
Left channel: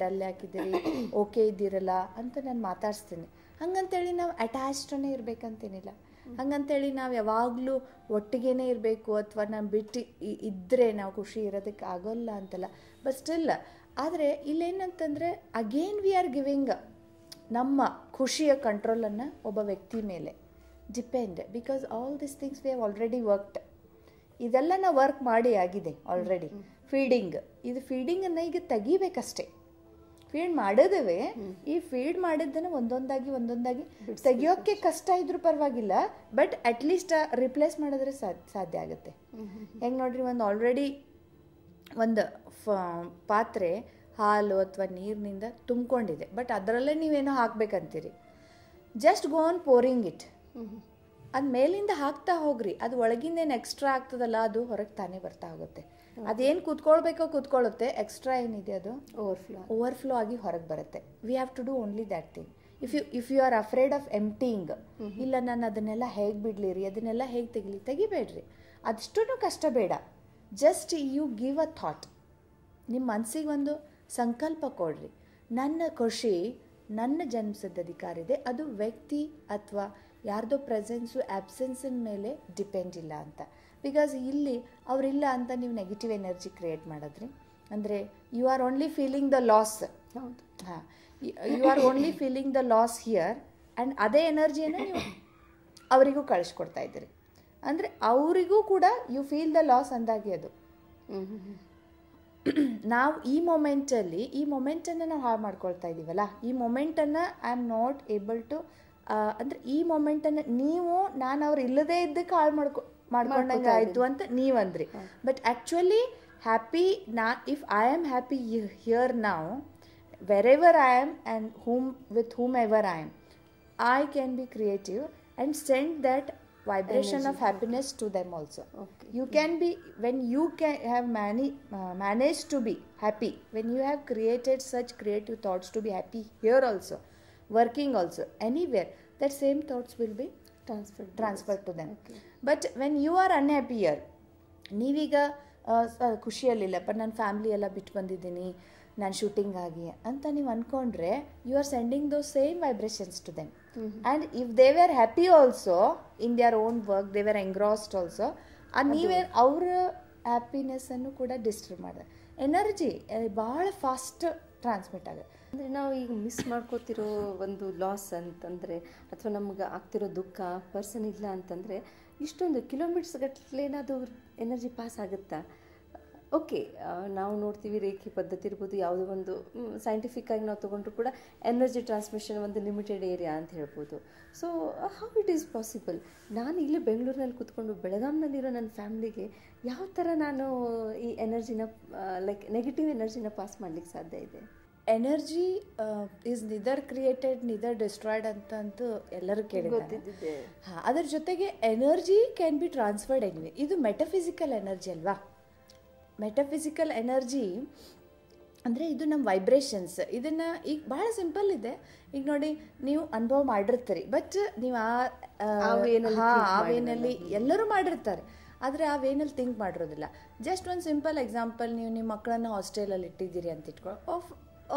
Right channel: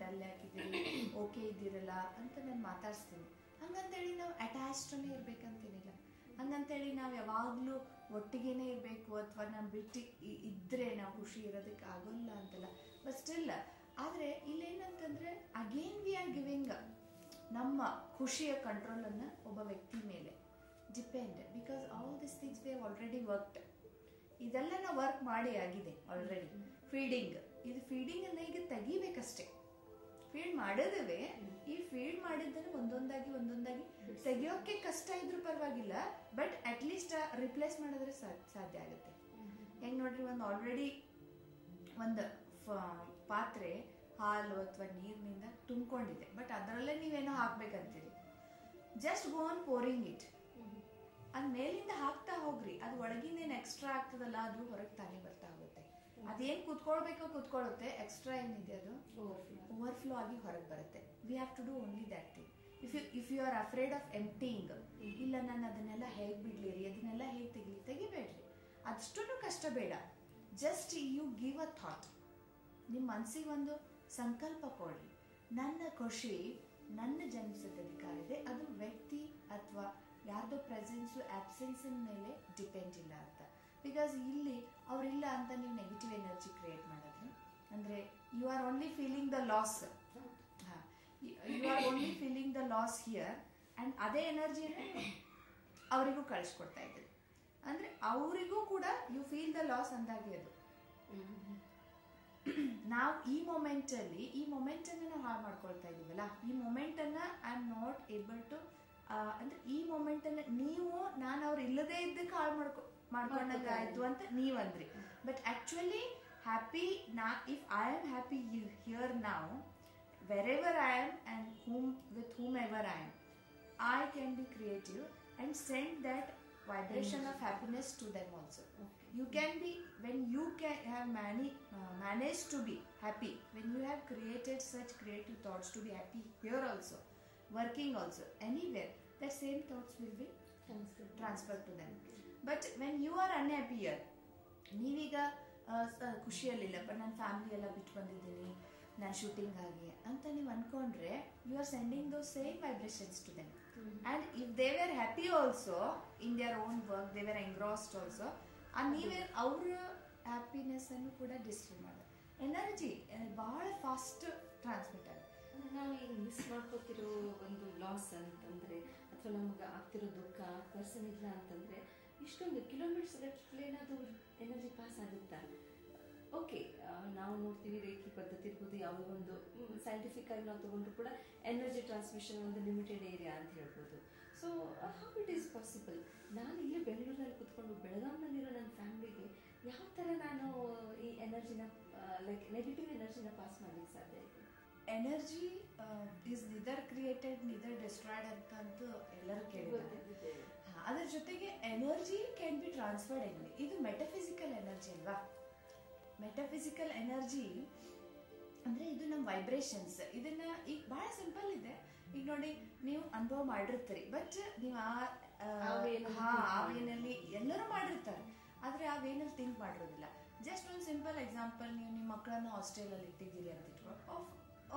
ಡಲ್ ಹಾಕಿದ್ದೀರಿ, ಓಕೆ ಇದ್ದೀರಲ್ಲ ಅಂತ ನಾನು ಮಾತಾಡಿಸ್ತೀನಿ. ಹಂಗಂತೇಳಿ ನಾವು ಅಟ್ಯಾಚ್ಡೇ ಇರಬೇಕಂತೇನಿಲ್ಲ, ಹಂಗಂತೇಳಿ ನಾವು ಯಾವಾಗಲೂ ಒಟ್ಟಿಗೇ ಇರಬೇಕು ಅಥವಾ ನಾನು ಬಿಟ್ಟು ಇದ್ದರೆ ನಾವು ಖುಷಿ ಇರೋದಕ್ಕೆ ಆಗೋಲ್ಲ ಅಂತಲ್ಲ. ಬಟ್ ಸ್ಟಿಲ್, ಆದರೆ ಇಲ್ಲೇನಂತಂದರೆ ಅಗೇನ್ ವಿ ಆರ್ ಗಿವಿಂಗ್ ನಮ್ಮ ಖುಷಿಯ ಕಂಟ್ರೋಲನ್ನು ಒಬ್ಬ ವ್ಯಕ್ತಿ ಮೇಲೆ depend, because all this things we have already worked. ಇದೆಲ್ಲ ನಾವು ವರ್ಕ್ ಮಾಡಿ ಆಗಿದೆ ಆಲ್ರೆಡಿ. ಫೀಡಿಂಗ್, ಇದು ಫೀಡಿಂಗನ್ನು ಈಗ ತೆಗಿಬೇಕಷ್ಟೇ. ಫೀಡ್ ಮಾಡಿದವೆ, ಈ ಫೀಡ್ ಮಾಡಿದ್ದನ್ನು ಒಂದೊಂದಾಗಿ ತೆಗಿಯೋಕ್ಕೆ ಕಷ್ಟ ಇದ್ರೂ ಪರವಾಗಿಲ್ಲ, ಬಟ್ ಅಟ್ಲೀಸ್ಟ್ ರಿಪ್ಲೇಸ್ ಮಾಡಿದ್ರೆ ಸಾಧ್ಯ ಆಗುತ್ತೆ. ಹೆಂಗೆ ನೋಡ್ರಿ, ಒಂದು ಆಲ್ರೆಡಿ ಒಂದು ಪಾತ್ರೆ ಹಾಲು ಅಥವಾ ನೀರಿನಿಂದ ತುಂಬಿಕೊಂಡಿದೆ, ಬಟ್ ಅದರಲ್ಲೇ ನೀವೇನೋ ಹಾಕ್ಬೇಕಂತೀರಿ. Just go on pouring it. ಅದು ಮೇಲಿಂದ ಹಾಕ್ತಾ ಹೋಗ್ರಿ, ಅದು ಒಳಗಿಂದೇನು ಎಕ್ಸ್ಟ್ರಾ ಆಗ್ತದಲ್ಲ ಅದು ಹೊರಗೆ ತಾನೇ ಬರ್ತಾ ಹೋಗುತ್ತೆ. ಅದೇನು ಕೂತ್ಕೊಳ್ಬೇಕೋ ಕೂತ್ಕೊಳ್ಳುತ್ತೆ, ಎಕ್ಸ್ಟ್ರಾ ಏನಿದೆ ಅದು ಓವರ್ಫ್ಲೋ ಆಗಿ ಹೊರಗೆ ಬರುತ್ತೆ. We have to do only that thing. If you are afraid of emptying, ಇಲ್ಲ ನಾನು ಅದನ್ನೆಲ್ಲ ಹೇಗೆ ಬಿಡಲಿರಿ, ಅದನ್ನೆಲ್ಲ ಹೇಗೆ ತೆಗಿಬೇಡ್ರಿ, ಅದಷ್ಟು ಕಷ್ಟ ಬೇಡ. Just you give a thought, ನಿಮ್ಮ ಮನಸ್ಸಿಗೆ ಒಂದು ಸಂಕಲ್ಪ ಕೊಡ್ರಿ, ನನ್ನ ಖುಷಿ ನನ್ನ ಜನ್ಮಸಿದ್ಧ ಅಧಿಕಾರ ಇದೆ, ಅದು ವ್ಯಕ್ತಿ ಅಥವಾ ಯಾರ್ದೋ ಪ್ರೆಸೆನ್ಸು ಆ್ಯಬ್ಸೆನ್ಸಿನ ಮೇಲೆ ಡಿಪೆಂಡ್ ಇಲ್ಲ ಅಂತ. ಬಿಕಾಸ್ ಇಲ್ಲಿ ಅವರಿಲ್ಲ ಅಂತ ನೀವು ನೆಗೆಟಿವ್ ಎನರ್ಜಿ ಕ್ರಿಯೇಟ್ ಮಾಡಿದ್ರಿ ಅಂದರೆ you are only feeling the loss. ಹಾಂ, you are only feeling the loss here, and ಅದೇ ಎನರ್ಜಿಯನ್ನು ನೀವು ಅವರಿಗೂ ಕಳಿಸ್ಕೊಡ್ತಾ ಇದ್ದೀರಿ. ಅಂದರೆ ಅವರಿಗೂ ಕೂಡ ಯು ಫೀಲ್ ದ ಲಾಸ್ ಅಂದಾಗೆ ಅದು. ನಾವು ಈ ಮೊಮೆಂಟನ್ನು ನಾವು ಹಾಳು ಮಾಡ್ಕೊಳ್ತಾ ಇದ್ದೀವಲ್ಲ, ಈ ಮೊಮೆಂಟನ್ನು I am not able to, ಅಂದರೆ ಈ ಮೊಮೆಂಟನ್ನು ನಾನು ಅವ್ರು ಇಲ್ಲದೇ ಇದ್ದಕ್ಕೆ ಹಾಳು ಮಾಡ್ಕೊಂಡಂಗೆ ಆಯಿತು ಅಂತ ನೀವಂದ್ರಿ. But actually happy if I am happy here ನಾವು, wherever I am and with whomever I am, I can be creative and send that vibration of happiness to them also. Okay. You can be, when you can have managed to be happy, when you have created such creative thoughts to be happy here also, working also, anywhere, that same thoughts will be transferred to them. Okay. But when you are unhappy here, ನೀವೀಗ ಖುಷಿಯಲ್ಲಿಲ್ಲಪ್ಪ, ನನ್ನ family ಎಲ್ಲ ಬಿಟ್ಟು ಬಂದಿದ್ದೀನಿ, ನಾನು shooting ಆಗಿ ಅಂತ ನೀವು ಅಂದ್ಕೊಂಡ್ರೆ, you are sending those same vibrations to them. And if they were happy also in their own work, they were engrossed also, ನೀವೇ ಅವ್ರ ಹ್ಯಾಪಿನೆಸ್ಸನ್ನು ಕೂಡ ಡಿಸ್ಟರ್ಬ್ ಮಾಡಿದೆ. ಎನರ್ಜಿ ಭಾಳ ಫಾಸ್ಟ್ ಟ್ರಾನ್ಸ್ಮಿಟ್ ಆಗುತ್ತೆ. ಅಂದರೆ ನಾವು ಈಗ ಮಿಸ್ ಮಾಡ್ಕೋತಿರೋ ಒಂದು ಲಾಸ್ ಅಂತಂದರೆ, ಅಥವಾ ನಮ್ಗೆ ಆಗ್ತಿರೋ ದುಃಖ, ಪರ್ಸನ್ ಇಲ್ಲ ಅಂತಂದರೆ, ಇಷ್ಟೊಂದು ಕಿಲೋಮೀಟರ್ಸ್ ಗಟ್ಟಲೆ ಏನಾದರೂ ಎನರ್ಜಿ ಪಾಸ್ ಆಗುತ್ತಾ? ಓಕೆ, ನಾವು ನೋಡ್ತೀವಿ ರೇಖೆ ಪದ್ಧತಿ ಇರ್ಬೋದು, ಯಾವುದೋ ಒಂದು ಸೈಂಟಿಫಿಕ್ಕಾಗಿ ನಾವು ತೊಗೊಂಡ್ರು ಕೂಡ ಎನರ್ಜಿ ಟ್ರಾನ್ಸ್ಮಿಷನ್ ಒಂದು ಲಿಮಿಟೆಡ್ ಏರಿಯಾ ಅಂತ ಹೇಳ್ಬೋದು. So how it is possible? ನಾನು ಇಲ್ಲೇ ಬೆಂಗಳೂರಿನಲ್ಲಿ ಕೂತ್ಕೊಂಡು ಬೆಳಗಾಂನಲ್ಲಿರೋ ನನ್ನ ಫ್ಯಾಮ್ಲಿಗೆ ಯಾವ ಥರ ನಾನು ಈ ಎನರ್ಜಿನ ಲೈಕ್ ನೆಗೆಟಿವ್ ಎನರ್ಜಿನ ಪಾಸ್ ಮಾಡಲಿಕ್ಕೆ ಸಾಧ್ಯ ಇದೆ? ಎನರ್ಜಿ ಈಸ್ ನಿದರ್ ಕ್ರಿಯೇಟೆಡ್ ನಿದರ್ ಡಿಸ್ಟ್ರಾಯ್ಡ್ ಅಂತಂತೂ ಎಲ್ಲರೂ ಕೇಳಿದ್ದಾರೆ. ಹಾಂ, ಅದ್ರ ಜೊತೆಗೆ energy can be transferred anyway. ಇದು ಮೆಟಫಿಸಿಕಲ್ ಎನರ್ಜಿ ಅಲ್ವಾ? ಮೆಟಫಿಸಿಕಲ್ ಎನರ್ಜಿ ಅಂದರೆ ಇದು ನಮ್ಮ ವೈಬ್ರೇಷನ್ಸ್. ಇದನ್ನು ಈಗ ಭಾಳ ಸಿಂಪಲ್ ಇದೆ. ಈಗ ನೋಡಿ, ನೀವು ಅನುಭವ ಮಾಡಿರ್ತೀರಿ, ಬಟ್ ನೀವು ಆ ವೇನಲ್ಲಿ ಎಲ್ಲರೂ ಮಾಡಿರ್ತಾರೆ, ಆದರೆ ಆ ವೇನಲ್ಲಿ ಥಿಂಕ್ ಮಾಡಿರೋದಿಲ್ಲ. ಜಸ್ಟ್ ಒಂದು ಸಿಂಪಲ್ ಎಕ್ಸಾಂಪಲ್, ನೀವು ನಿಮ್ಮ ಮಕ್ಕಳನ್ನು ಹಾಸ್ಟೆಲಲ್ಲಿ ಇಟ್ಟಿದ್ದೀರಿ ಅಂತ ಇಟ್ಕೊ,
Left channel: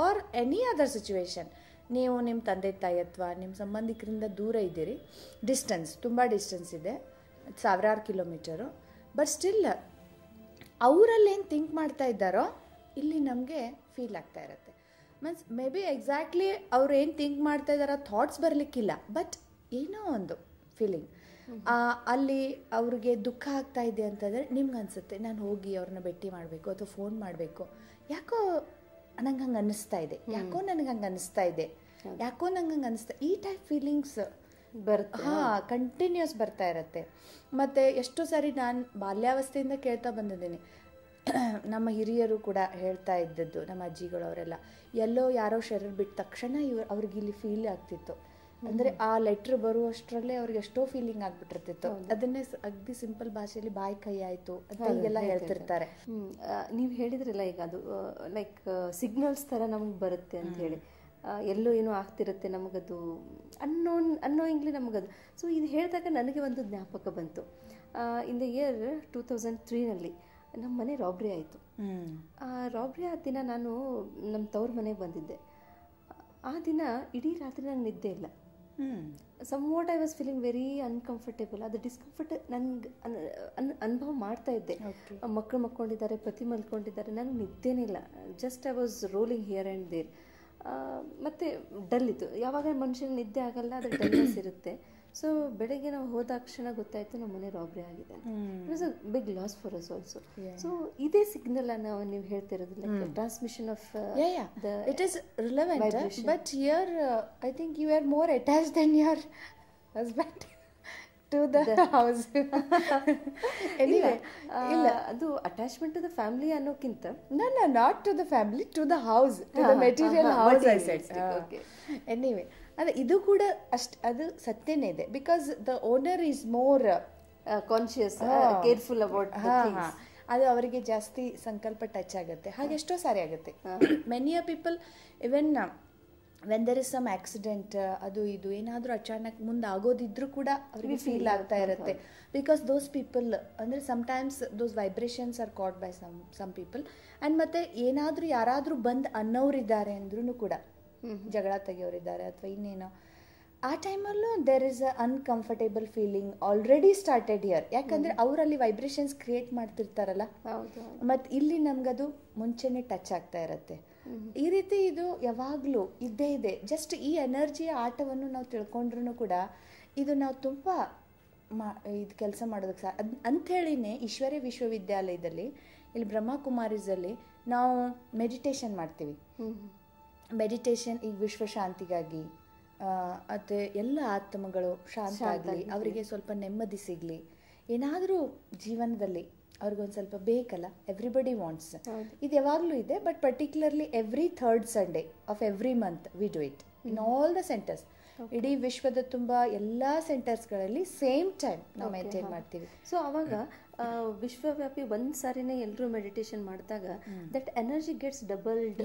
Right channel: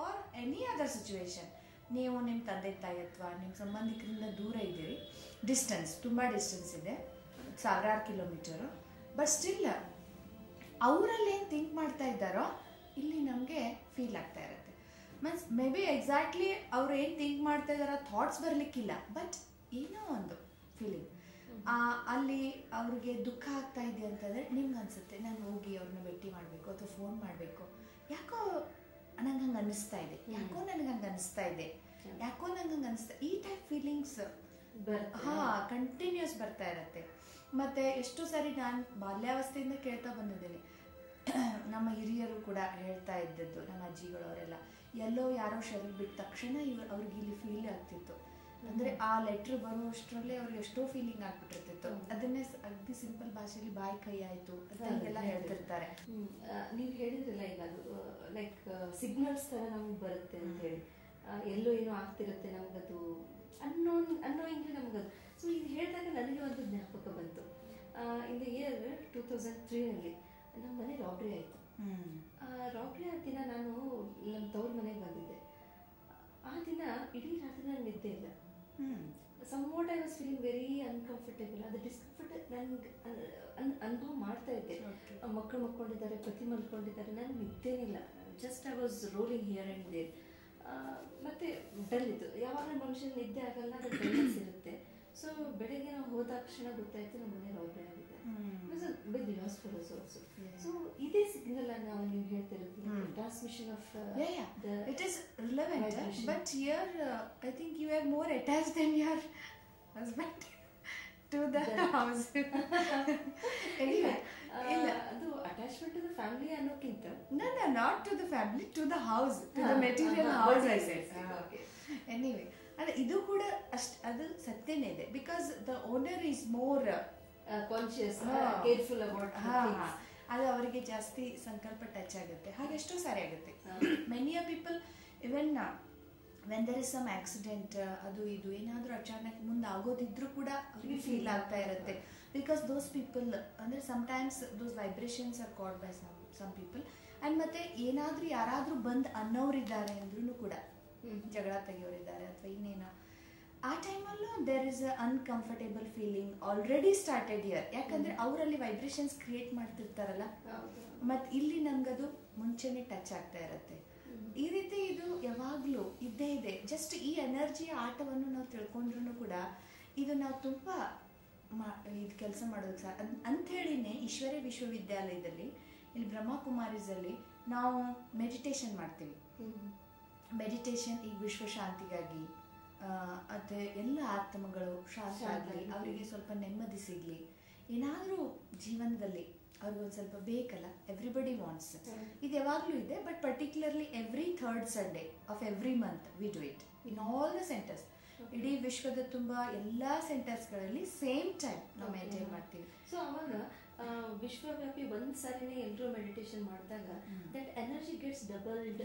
ಆರ್ ಎನಿ ಅದರ್ ಸಿಚುವೇಶನ್, ನೀವು ನಿಮ್ಮ ತಂದೆ ತಾಯಿ ಅಥವಾ ನಿಮ್ಮ ಸಂಬಂಧಿಕರಿಂದ ದೂರ ಇದ್ದೀರಿ, ತುಂಬ ಡಿಸ್ಟೆನ್ಸ್ ಇದೆ, ಸಾವಿರಾರು ಕಿಲೋಮೀಟರು, ಬಟ್ ಸ್ಟಿಲ್ ಅವರಲ್ಲೇನು ಥಿಂಕ್ ಮಾಡ್ತಾ ಇದ್ದಾರೋ ಇಲ್ಲಿ ನಮಗೆ ಫೀಲ್ ಆಗ್ತಾ ಇರುತ್ತೆ. ಮೀನ್ಸ್ ಮೇ ಬಿ ಎಕ್ಸಾಕ್ಟ್ಲಿ ಅವ್ರು ಏನು ಥಿಂಕ್ ಮಾಡ್ತಾ ಇದ್ದಾರೋ ಥಾಟ್ಸ್ ಬರಲಿಕ್ಕಿಲ್ಲ, ಬಟ್ ಏನೋ ಒಂದು ಫೀಲಿಂಗ್ ಅಲ್ಲಿ ಅವ್ರಿಗೆ ದುಃಖ ಆಗ್ತಾ ಇದೆ ಅಂತಂದರೆ ನಿಮ್ಗೆ ಅನಿಸುತ್ತೆ, ನಾನು ಹೋಗಿ ಅವ್ರನ್ನ ಭೇಟಿ ಮಾಡಬೇಕು ಅಥವಾ ಫೋನ್ ಮಾಡಬೇಕು, ಯಾಕೋ ನಂಗೆ ಹಂಗೆ ಅನ್ನಿಸ್ತಾ ಇದೆ, ಯಾಕೋ ನನಗೆ ಹಂಗೆ ಅನ್ನಿಸ್ತಾ ಇದೆ, ಯಾಕೋ ನಂಗೆ ಹಂಗೆ ಅನ್ನಿಸ್ತಾ, ಈ ಟೈಪ್ ಫೀಲಿಂಗ್ಸ್ ಕಂಟಿನ್ಯೂಸ್ ಬರ್ತಾ ಇರುತ್ತೆ. ಮತ್ತು ಎಷ್ಟೋ ಸಾರಿ ನಾನು ಬಾಲ್ಯಾವಸ್ಥೆಯಿಂದ ಕೇಳ್ತಾ ಬಂದಿದ್ದೀನಿ, ನಮ್ಮ ಹಿರಿಯರು ಕೂಡ ಹೇಳ್ತಾ ಇದ್ದದ್ದು, ನಮ್ಮ ಅಜ್ಜಿಗಳು ಅವರೆಲ್ಲ, ಎಲ್ಲೋ ಯಾರೋ ಶರೀರ ಬಿಟ್ಟ ತಕ್ಷಣ ಅವ್ರಿಗೆ ಇಲ್ಲಿ ಫೀಲ್ ಆಗ್ತಿತ್ತು. ಅಂದರೆ ಆ ಲೆಟ್ರ್ ಬರುವಷ್ಟರಲ್ಲೇ ಅವ್ರಿಗೆ ಎಷ್ಟೋ ಫೀಲಿಂಗ್ ಆಗಿಬಿಟ್ಟಿರ್ತಿತ್ತು. ಅದನ್ನೇ ಅಗ್ದಿ ಸಿಂಪಲ್ ಭಾಷೆಯಲ್ಲಿ ಬಾಯಿ ಕೈ ಆಯಿತು ಅಂತ ಹೀಗೆಲ್ಲ ಹೇಳ್ತಿರ್ತಾರೆ. ನೀವು ಹೇಳಿದ್ರಲ್ಲ ಈಗ ಅದು ಲೈಕ್ ಸಿಗ್ನಲ್ಸ್ ಥರ ನಮಗೆ ಬರುತ್ತೆ ಅಂಥೇಳಿ, ಎಲ್ಲೋ ಏನೋ ಆಗ್ತಿರುತ್ತೆ ನಮಗದು ಅನ್ನೋಯಿಂಗ್ಲಿ ನಮಗದು. ಸೊ ಇದು ಹೇಳಿದಾಗ ನನಗೆ ಒಂದು ಜ್ಞಾಪಕ ಬಂತು. ಇನ್ ದ ಇಯರ್ 2003 ನಮ್ಮ ಮನೆ ರಾಬ್ರಿ ಆಯಿತು. ರಾಬ್ರಿ ಆದ ದಿನ ನಾನು ನಮ್ಮ ತವ್ರ ಮನೆಗೆ ಬಂದಿದ್ದೆ. ಆ ದಿನ ಇಡೀ ರಾತ್ರಿ ನಂಗೆ ನಿದ್ದೆ ಇಲ್ಲ. Somewhat I was feeling very uncomfortable. ಅದು ಡಿಸ್ಕಂಫರ್ಟ್ ನನಗೆ ಅನುಭವ ಮಾಡ್ತಾ ಇದ್ದೆ. ಮಕ್ಕಳು ಮಲ್ಕೊಂಡಿದ್ದಾರೆ, ಪತಿ ಮಲ್ಕೊಂಡಿದ್ದಾರೆ, ನನಗೆ ನಿದ್ದೆನೇ ಇಲ್ಲ. Just I was rolling here and there. ಮತ್ತು ಡಲ್ ಇತ್ತು. ಯಾವಾಗ ಮನುಷ್ಯನ ನಿದ್ದೆ ಆಗಲ್ಲ, ಅದು ಡಲ್ನೆಸ್ ಇರುತ್ತೆ. ಸೊ ಬೆಳಗ್ಗೆ ನಾವು ಹೋದ ತಕ್ಷಣ ಗೊತ್ತಾಯ್ತು ನಮ್ಮ ಮನೆ ರಾಬ್ರಿ ಆಗಿದೆ. It was a big loss for us also. So ಇದೇ ಸಿಗ್ನಲ್ ನಾವು ನೀವು ಹೇಳ್ತಿರೋದು transmission of it is relevant. But here I think you are more attached then your husband to the house. Anyway, ಅದು attachment to the family ಅನ್ನೋಕ್ಕಿಂತ no not to the family, to the house, to the material house I said. Anyway, ಅಂದ್ರೆ ಇದು ಕೂಡ ಅದು ಸತ್ಯನೇ ಇದೆ, because the owner is more conscious, careful about ಅದು ಅವರಿಗೆ ಜಾಸ್ತಿ ಸಂಕಲ್ಪ ಟಚ್ ಆಗುತ್ತೆ. ಹಾಗೆ ಎಷ್ಟೋ ಸಾರಿ ಆಗುತ್ತೆ. Many people even when there is some accident, ಅದು ಇದು ಏನಾದರೂ ಅಚಾನಕ್ ಮುಂದೆ ಆಗೋದಿದ್ರೂ ಕೂಡ ಅವರಿಗೆ ಫೀಲ್ ಆಗ್ತಾ ಇರುತ್ತೆ. ಬಿಕಾಸ್ ದೋಸ್ ಪೀಪಲ್ ಅಂದರೆ sometimes those vibrations are caught by some people. And ಮತ್ತು ಏನಾದರೂ ಯಾರಾದರೂ ಬಂದು ಅನ್ನೋರಿದ್ದಾರೆ ಅಂದ್ರೂ ಕೂಡ, ಜಗಳ ತೆಗಿಯೋರಿದ್ದಾರೆ ಅಥವಾ ಇನ್ನೇನೋ, ಆ ಟೈಮಲ್ಲೂ there is a uncomfortable feeling already started here. ಯಾಕಂದರೆ ಅವರಲ್ಲಿ ವೈಬ್ರೇಷನ್ಸ್ ಕ್ರಿಯೇಟ್ ಮಾಡ್ತಿರ್ತಾರಲ್ಲ, ಮತ್ತು ಇಲ್ಲಿ ನಮಗದು ಮುಂಚೆನೇ ಟಚ್ ಆಗ್ತಾ ಇರುತ್ತೆ. ಈ ರೀತಿ ಇದು ಯಾವಾಗಲೂ ಇದ್ದೇ ಇದೆ. ಜಸ್ಟ್ ಈ ಎನರ್ಜಿಯ ಆಟವನ್ನು ನಾವು ತಿಳ್ಕೊಂಡ್ರೂ ಕೂಡ ಇದು ನಾವು ತುಂಬ ಇದು ಕೆಲಸ ಮಾಡೋದಕ್ಕೆ ಅಂಥೇಳಿನೇ ಈಶ್ವರ್ಯ ವಿಶ್ವವಿದ್ಯಾಲಯದಲ್ಲಿ ಇಲ್ಲಿ ಬ್ರಹ್ಮಕುಮಾರೀಸಲ್ಲಿ ನಾವು ಮೆಡಿಟೇಷನ್ ಮಾಡ್ತೀವಿ. ಮೆಡಿಟೇಷನ್ ಈಗ ವಿಶ್ವಶಾಂತಿಗಾಗಿ, ಮತ್ತು ಎಲ್ಲ ಆತ್ಮಗಳು ಶಾಂತ ಆಗಲಿ, ಅವರಿಗೆ ಸ್ವಲ್ಪ ನೆಮ್ಮದಿ ಸಿಗಲಿ, ಏನಾದರೂ ಜೀವನದಲ್ಲಿ ಅವ್ರಿಗೊಂದು ಸ್ವಲ್ಪ ಬೇಕಲ್ಲ, ಎವ್ರಿಬಡಿ ವಾಂಟ್ಸ್. ಇದು ಯಾವಾಗಲೂ ಇದೆ. But particularly every third Sunday of every month we do it in all the centres. ಇಡೀ ವಿಶ್ವದ ತುಂಬ ಎಲ್ಲ ಸೆಂಟರ್ಸ್ಗಳಲ್ಲಿ ಸೇಮ್ ಟೈಮ್ ನಾವು ಮೇಂಟೈನ್ ಮಾಡ್ತೀವಿ. ಸೊ ಅವಾಗ ವಿಶ್ವವ್ಯಾಪಿ ಒಂದು ಸಾರಿನೇ ಎಲ್ಲರೂ ಮೆಡಿಟೇಷನ್ ಮಾಡಿದಾಗ ದಟ್ ಎನರ್ಜಿ ಗೆಟ್ಸ್ ಡಬಲ್ಡ್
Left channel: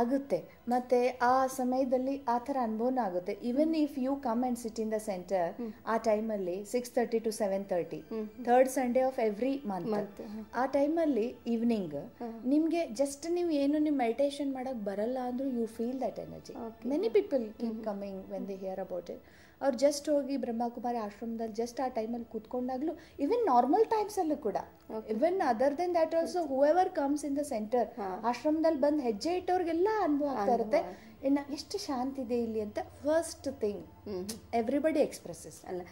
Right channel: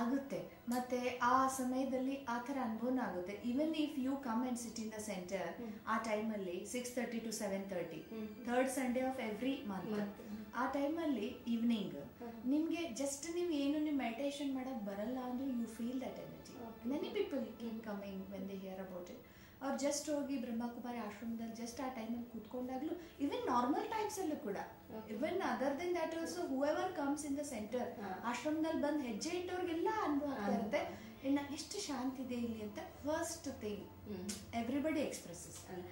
ಆಗುತ್ತೆ. ಮತ್ತು ಆ ಸಮಯದಲ್ಲಿ ಆ ಥರ ಅನುಭವನೂ ಆಗುತ್ತೆ. Even if you come and sit in the center, ಆ ಟೈಮಲ್ಲಿ 6:30 to 7:30 third Sunday of every month, ಆ ಟೈಮಲ್ಲಿ ಈವ್ನಿಂಗ್ ನಿಮಗೆ ಜಸ್ಟ್ ನೀವು ಏನು ನೀವು ಮೆಡಿಟೇಷನ್ ಮಾಡೋಕ್ಕೆ ಬರಲ್ಲ ಅಂದರೂ you feel that energy. Many people keep coming when they hear about it. ಅವ್ರು ಜಸ್ಟ್ ಹೋಗಿ ಬ್ರಹ್ಮಕುಮಾರಿ ಆಶ್ರಮದಲ್ಲಿ ಜಸ್ಟ್ ಆ ಟೈಮಲ್ಲಿ ಕೂತ್ಕೊಂಡಾಗಲೂ, ಇವನ್ ನಾರ್ಮಲ್ ಟೈಮ್ಸಲ್ಲೂ ಕೂಡ, even other then that also whoever comes in the centre, ಆಶ್ರಮದಲ್ಲಿ ಬಂದು ಹೆಜ್ಜೆ ಇಟ್ಟವ್ರಿಗೆಲ್ಲ ಅನುಭವ ಆಗ್ತಾ ಇರುತ್ತೆ, ಇನ್ನು ಎಷ್ಟು ಶಾಂತಿ ಇದೆ ಇಲ್ಲಿ ಅಂತ. First thing everybody expresses. ಅಲ್ಲ,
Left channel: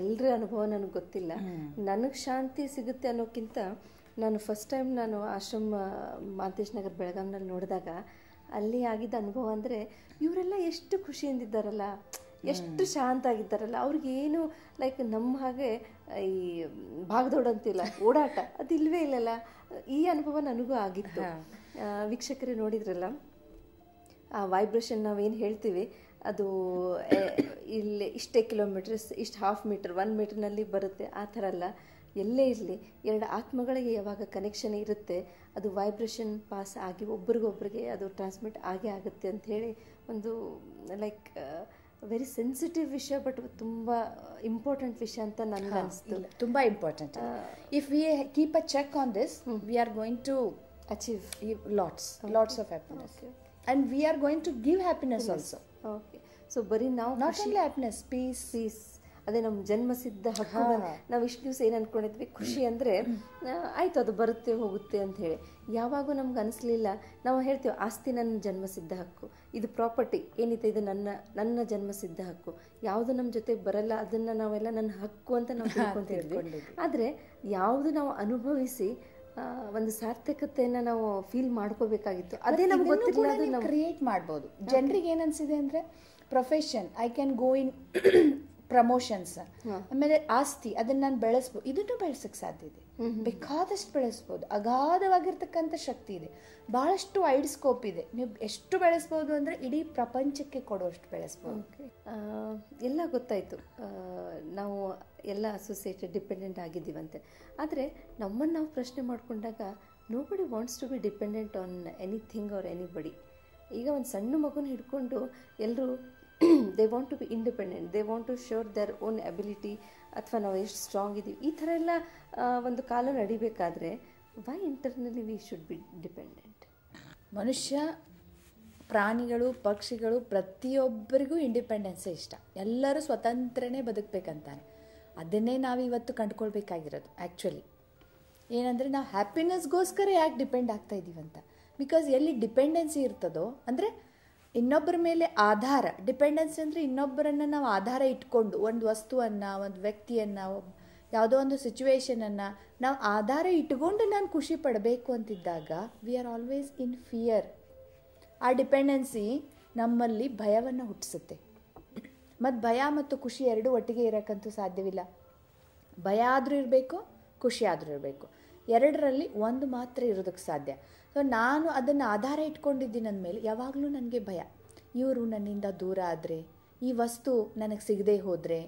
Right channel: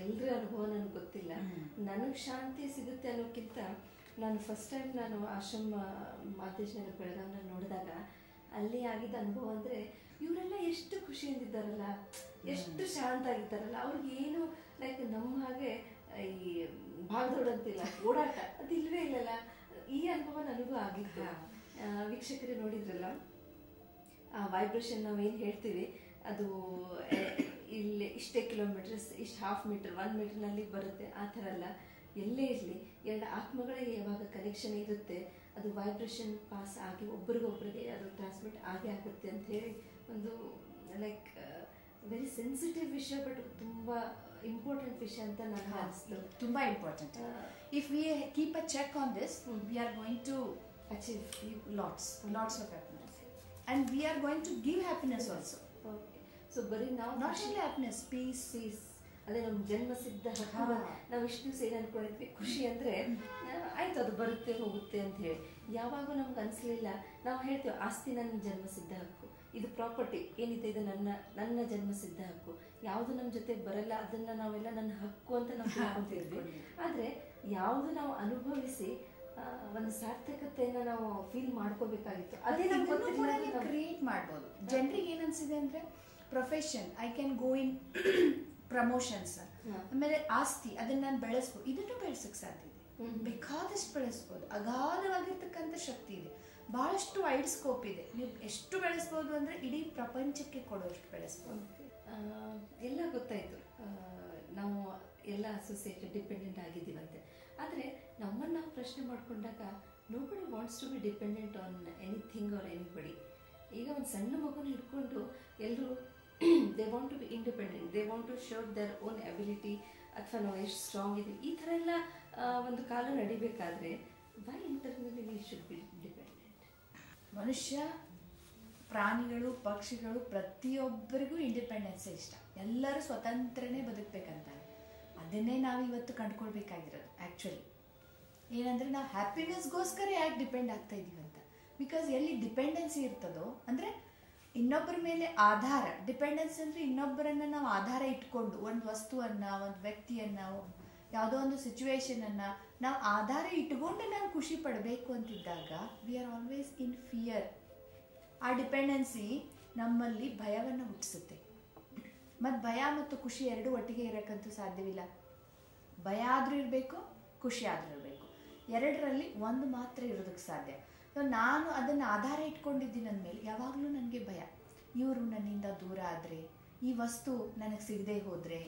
ಎಲ್ಲರ ಅನುಭವ ನನಗೆ ಗೊತ್ತಿಲ್ಲ. ನನಗೆ ಶಾಂತಿ ಸಿಗುತ್ತೆ ಅನ್ನೋಕ್ಕಿಂತ ನಾನು ಫಸ್ಟ್ ಟೈಮ್ ನಾನು ಆಶ್ರಮ ಮಾಂತೇಶ್ ನಗರ್ ಬೆಳಗಾಂನಲ್ಲಿ ನೋಡಿದಾಗ ಅಲ್ಲಿ ಆಗಿದ್ದ ಅನುಭವ ಅಂದರೆ, ಇವರೆಲ್ಲ ಎಷ್ಟು ಖುಷಿಯಿಂದಿದ್ದಾರಲ್ಲ, ಎಷ್ಟು ಶಾಂತ ಆಗಿದ್ದಾರಲ್ಲ. ಅವ್ರಿಗೇನು ಲೈಕ್ ನಮ್ಮ ಹಾಗೆ ಈ ಭಾಗದೊಡ ಅಂತಿಲ್ಲ, ಓಡಾಟ ಅದು ಇಲ್ಲವೇ ಇಲ್ಲಲ್ಲ. ಈ ಅನುಭವ ನನಗೂ ಆಗಿತ್ತು. ವೀಕ್ಷಕರು ನೋಡಿದ್ರಲ್ಲ, ಆ ವೈಬ್ರೇಷನ್ ನಾವೇನು ಹೇಳ್ತೀವಿ ಅದು ಇಲ್ಲಿ ಇಷ್ಟೇ ಕಿಲೋಮೀಟರ್ಸ್, ಇಷ್ಟು ಹಾಫ್ ಮೀಟರ್, 1 ಮೀಟರ್ನಲ್ಲಿ ಬರುತ್ತೆ. ಆ ಥರ ಅಲ್ಲ, ಎಲ್ಲೇ ಇರಲಿ ಎರಡು ಆತ್ಮಗಳಿಗೆ ಯಾವಾಗ ಕನೆಕ್ಷನ್ ಇರುತ್ತೆ ಅದು ವೈಬ್ರೇಷನ್ ಪಾಸ್ ಆಗಿ ಒಬ್ರಿಗೊಬ್ರಿಗೆ ಅದು ಟ್ರಾನ್ಸ್ಮಿಟ್ ಆಗೇ ಆಗುತ್ತೆ ಅಂತ ಹೇಳಿ ಒಂದು ಲೈಕ್ ವೆರಿ ಸೆನ್ಸಿಟಿವ್ ವಿಷಯ, ಬಟ್ ತುಂಬ ಇಂಪಾರ್ಟೆಂಟ್ ವಿಷಯ ಅಂತ ನನಗೆ ಅನಿಸ್ತು. ತುಂಬ important. If we keep a check on this, we are going to achieve lots of happiness, and we are going to give happiness also. Okay, so ಬರೀ ನಾವು not only happiness, peace. ಅದೇ ನಮ್ಮ ಜನ್ಮಸಿದ್ಧ ಹಕ್ಕು. ನಾವು ಇಷ್ಟು ದಿವಸ ಏನು ಅಂದ್ಕೊಂಡಿದ್ವಿ, ಖುಷಿ ಅಂದರೆ ಆಯಿತು ಅದು ಬರುತ್ತೆ ಹೋಗುತ್ತೆ ಅಂತ ಹೇಳಿ. ಯಾವಾಗೂ ನಮ್ಗೆ ಅನಿಸ್ಲಿಲ್ಲ. ನಾವು ಹೇಳ್ತೀವಿ ಆಸ್ತಿ ನನ್ನ ಜನ್ಮಸಿದ್ಧ ಹಕ್ಕು, ಇದು ಪ್ರಾಪರ್ಟಿ ಏನಿದೆ ಇದು ನನ್ನ ಜನ್ಮಸಿದ್ಧ ಹಕ್ಕು, ಯಾವುದು ನಮ್ಮ ಜೊತೆಗೆ ಬರಲ್ಲ ಅದನ್ನು ನಾವೆಲ್ಲ ನನ್ನ ಹಕ್ಕು ಅಂತ ನಾವು ತಿಳ್ಕೊಂತಿದ್ವಿ. ಆದರೆ ಯಾವುದು ನಾವು ಅನುಭವಿಸಿ ಒಂದು ಸಾರ್ಥಕತೆಯನ್ನು ನಾವು ಫೀಲ್ ಮಾಡ್ಕೋಬೇಕಾಗಿತ್ತು, ಅದೇ ನಮ್ಗೆ ಗೊತ್ತಿಲ್ಲ. ಕ್ರಿಯೇಟ್ ಮಾಡ್ಬೋದು. ಜನರಿಗೆ ಏನನ್ಸಿದೆ ಅಂದರೆ profession, I can go in promotions, ಆಮೇಲೆ ಆಸ್ತಿ ಅದನ್ನು ನಾನು ಬೆಳೆಸ್ಬೋದು. ಇದನ್ನು ಬೆಳೆಸೋಕ್ಕೆ ಸಾಧ್ಯ ಇದೆ, ಬೇಕಾದಷ್ಟು ಬೆಳೆಸ್ಬೋದು. ಅಗಾಧವಾಗಿರ್ತಕ್ಕಂಥ ಶಕ್ತಿ ಇದೆ, ಭಾಳಷ್ಟು ವೈಡ್ ಸ್ಕೋಪ್ ಇದೆ. ನೀವು ಎಷ್ಟು ಬೆಳೆಸ್ಬೋದು ಅಂದರೆ ಇಡೀ ಪ್ರಪಂಚಕ್ಕೆ ಕೊಡುವಷ್ಟು ಬೆಳೆಸ್ಬೋದು. ಎಲ್ಲ ಗೊತ್ತಾಯಿತು, ನಾವು ಎಲ್ಲ ಅಸೋಸಿಯೇಟೆಡ್ ಡಿಪೆಂಡೆಂಟ್ ಆಗಿದ್ದೀವಂತೆ. ಆದರೆ ನಮ್ಮನ್ನು ನಾವು ಪ್ರಶ್ನೆ ಮಾಡಿಕೊಂಡಾಗ nobody wants to be dependent on anything or anybody. ಈಗ ಒಂದು ಸಣ್ಣ ಮಗುನ ಹಿಡ್ಕೊಂಡು ಎಲ್ಲರೂ they want to be independent, they want to show their own ability, ಅಥವಾ ನಾವು ಎಷ್ಟು ಸ್ಟ್ರಾಂಗ್ ಇದ್ದೀವಿ, ಈ ಥರ ಎಲ್ಲ ಒಂದು ಕಾಲ ನಡಿಬೇಕಾದ್ರೆ why internally we should be dependent. ಮನುಷ್ಯ, ಪ್ರಾಣಿಗಳು, ಪಕ್ಷಿಗಳು ಪ್ರತಿಯೊಬ್ಬರಿಗೂ ಇಂಡಿಪೆಂಡೆನ್ಸೇ ಇಷ್ಟ. ಎಲ್ಲರೂ ಸ್ವತಂತ್ರನೇ ಬದುಕಬೇಕಂತಾನೆ. ಅದನ್ನೇ ನಾವು ಇವತ್ತು ಕಂಡುಕೊಳ್ಬೇಕಾಗಿರೋದು. ಆ್ಯಕ್ಚುಲಿ ಏನಂದರೆ ನಾವು ಹ್ಯಾಪಿನೆಸ್ಗೋಸ್ಕರ ಯಾಕೆ ಡಿಪೆಂಡ್ ಆಗ್ತಾ ಇದ್ದೀವಂತ. ಬಿಕಾಸ್ ಎಲ್ಲಿ ಡಿಪೆಂಡೆನ್ಸಿ ಇರ್ತದೋ ಅಂದರೆ ಇನ್ನೊಬ್ಬರ ಮೇಲೆ ಆಧಾರ, ಡಿಪೆಂಡೆನ್ಸಿ ಅಂದರೆ ಇನ್ನೊಬ್ಬರನ್ನು ನಾವು ಆಧಾರ ಇಟ್ಕೊಂಡು ಒಂದು ವಸ್ತುವನ್ನು, ಒಂದು ವ್ಯಕ್ತಿಯನ್ನು, ಯಾವುದೋ ಒಂದು ಸಿಚುವೇಶನನ್ನು ನಾವು ಆಧಾರ ಇಟ್ಕೊಂಡು ನಾನು ಖುಷಿ ಪಡಬೇಕು ಅಂತಿದ್ದಾಗ we are always in fear. ಆ ಡಿಪೆಂಡೆನ್ಸಿ ನಮ್ಮಲ್ಲಿ ಭಯವನ್ನು ಹುಟ್ಟಿಸುತ್ತೆ. ಮತ್ತು ಭಯ ಮತ್ತು ಖುಷಿ ಎರಡೂ ಒಟ್ಟಿಗೆ ಇರೋಕ್ಕಂತೂ ಸಾಧ್ಯವಿಲ್ಲ. ಭಯ ಆದರೂ ಇರಬೇಕು, ಖುಷಿ ಆದರೂ ಇರಬೇಕು. ಎರಡರಲ್ಲಿ ಒಂದು ಮಾತ್ರ ಇರೋದಕ್ಕೆ ಸಾಧ್ಯ. ಸೊ ನಾನು ಅದನ್ನು ಆಧಾರ ಇಟ್ಕೊಂಡಿದ್ದೀನಿ ಅಂದಮೇಲೆ ಯಾವಾಗಲೂ ನನಗೆ ಭಯ. ಇವರು ನನ್ನಿಂದ ದೂರ ಆದರೆ, ಈ ವಸ್ತು ನನಗೆ ಸಿಗದೆ ಹೋದರೆ,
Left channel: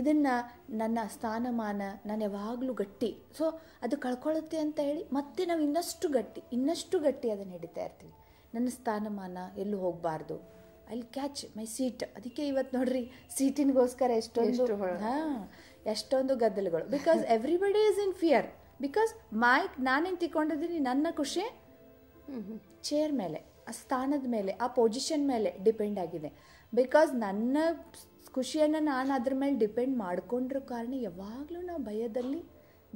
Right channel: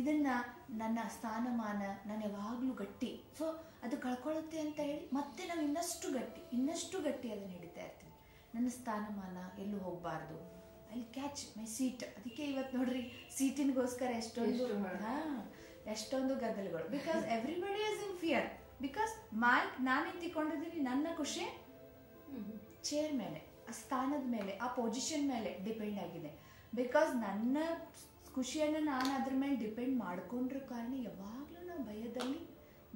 ಇದನ್ನು ನನ್ನ ಸ್ಥಾನಮಾನ ನಾನು ಯಾವಾಗಲೂ ಗಟ್ಟಿ, ಸೊ ಅದು ಕಳ್ಕೊಳ್ಳುತ್ತೆ ಅಂತ ಹೇಳಿ ಮತ್ತೆ ನಾವು ಇನ್ನಷ್ಟು ಗಟ್ಟಿ ಅದನ್ನು ಹಿಡಿತಾ ಇರ್ತೀನಿ. ನನ್ನ ಸ್ಥಾನಮಾನ ಎಲ್ಲೂ ಹೋಗಬಾರ್ದು, I will catch my seat. ಅದಕ್ಕೆ ಇವತ್ತು ನೋಡ್ರಿ ಸೀಟಿನಿಗೋಸ್ಕರ ಎಷ್ಟೊಂದು ಗದ್ದಲಗಳು. Because everybody is in fear. Because ನಾನೇನು ತಿಳ್ಕೊಂಡಿದ್ದೀನಿ, ನನ್ನ ಖುಷಿ ಚೇರ್ ಮೇಲೆ, ಆ ಸ್ಥಾನದ ಮೇಲೆ, ಆ ಪೊಸಿಷನ್ ಮೇಲೆ ಡಿಪೆಂಡ್ ಆಗಿದೆ. ಬಿಕಾಸ್ ನನ್ನ ಖುಷಿಯನ್ನು ನಾನು ಅದ್ರ ಮೇಲೆ ಡಿಪೆಂಡ್ ಮಾಡ್ಕೊಂಡಿರೋ ಕಾರಣ ಯಾವಾಗಲೂ ನಾವು ಭಯದಲ್ಲಿ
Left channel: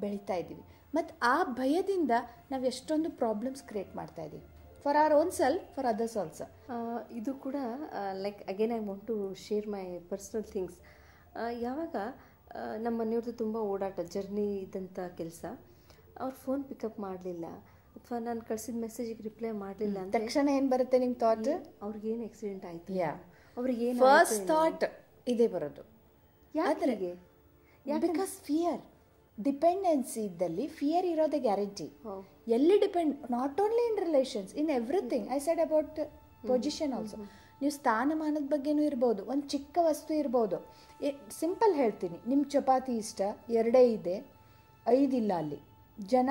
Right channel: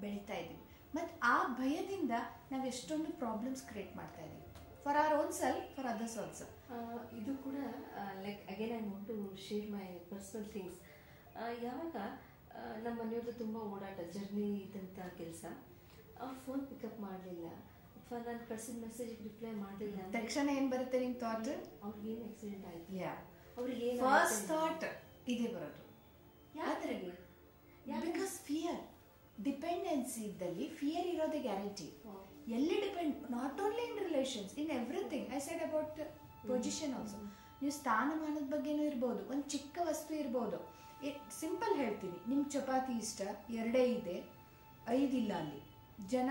ಬೆಳೀತಾ ಇದ್ದೀವಿ. ಮತ್ತು ಆ ಭಯದಿಂದ ನಾವು ಎಷ್ಟೊಂದು ಪ್ರಾಬ್ಲಮ್ಸ್ ಕ್ರಿಯೇಟ್ ಮಾಡ್ತಾ ಇದ್ದೀವಿ, for our own self, for others also. ಇದು ಕೂಡ like again I want to share my personal things. ಯಾವಾಗ ನಮ್ಮ ಮನೆಯವ್ರದ್ದು ತುಂಬ ಓಡಾಟ, ಜರ್ನಿ ಇದ್ದಂಥ ಕೆಲಸ, ಅವ್ರು ಫೋನ್ ಪಿಕಪ್ ಮಾಡಲಿಲ್ಲ ಅಥವಾ ನಾನು ಕಳಿಸಿದ ಮೆಸೇಜಿಗೆ ರಿಪ್ಲೈ ಮಾಡಲಿಲ್ಲ, ತಕ್ಷಣ ಏನು ಬರುತ್ತೆ ನಿಮ್ಮ ಥಾಟ್? ಅವ್ರಿಗೇನು ಆಕ್ಸಿಡೆಂಟ್ ಆಯಿತು, ಅವ್ರಿಗೆ ಫಸ್ಟ್ ಥಾಟ್ ಇದೇ ಬರೋದು. ಯಾಕೆ? Because fear. ಡಿಪೆಂಡೆನ್ಸಿ ಇದ್ದಲ್ಲಿ ಫಿಯರ್ ಇರೋದೇ ಗ್ಯಾರಂಟಿ. ಎಲ್ಲಿ depend, not only in relations, in everything. I said about position also. ನೀವು ಸ್ಥಾನಮಾನದ ಬಗ್ಗೆನೂ ಇರ್ಬೋದು, ಒಂದು ಚಿಕ್ಕ ವಸ್ತು ಇರ್ಬೋದು. ಸಿಂಪಲ್ ಹೇಳ್ತೀನಿ, ನಿಮ್ಮ ಚಪಾತಿ ಇಷ್ಟ 2 ಇದೆ, 5 ಇಲ್ಲ, ಅಲ್ಲಿ ಜನ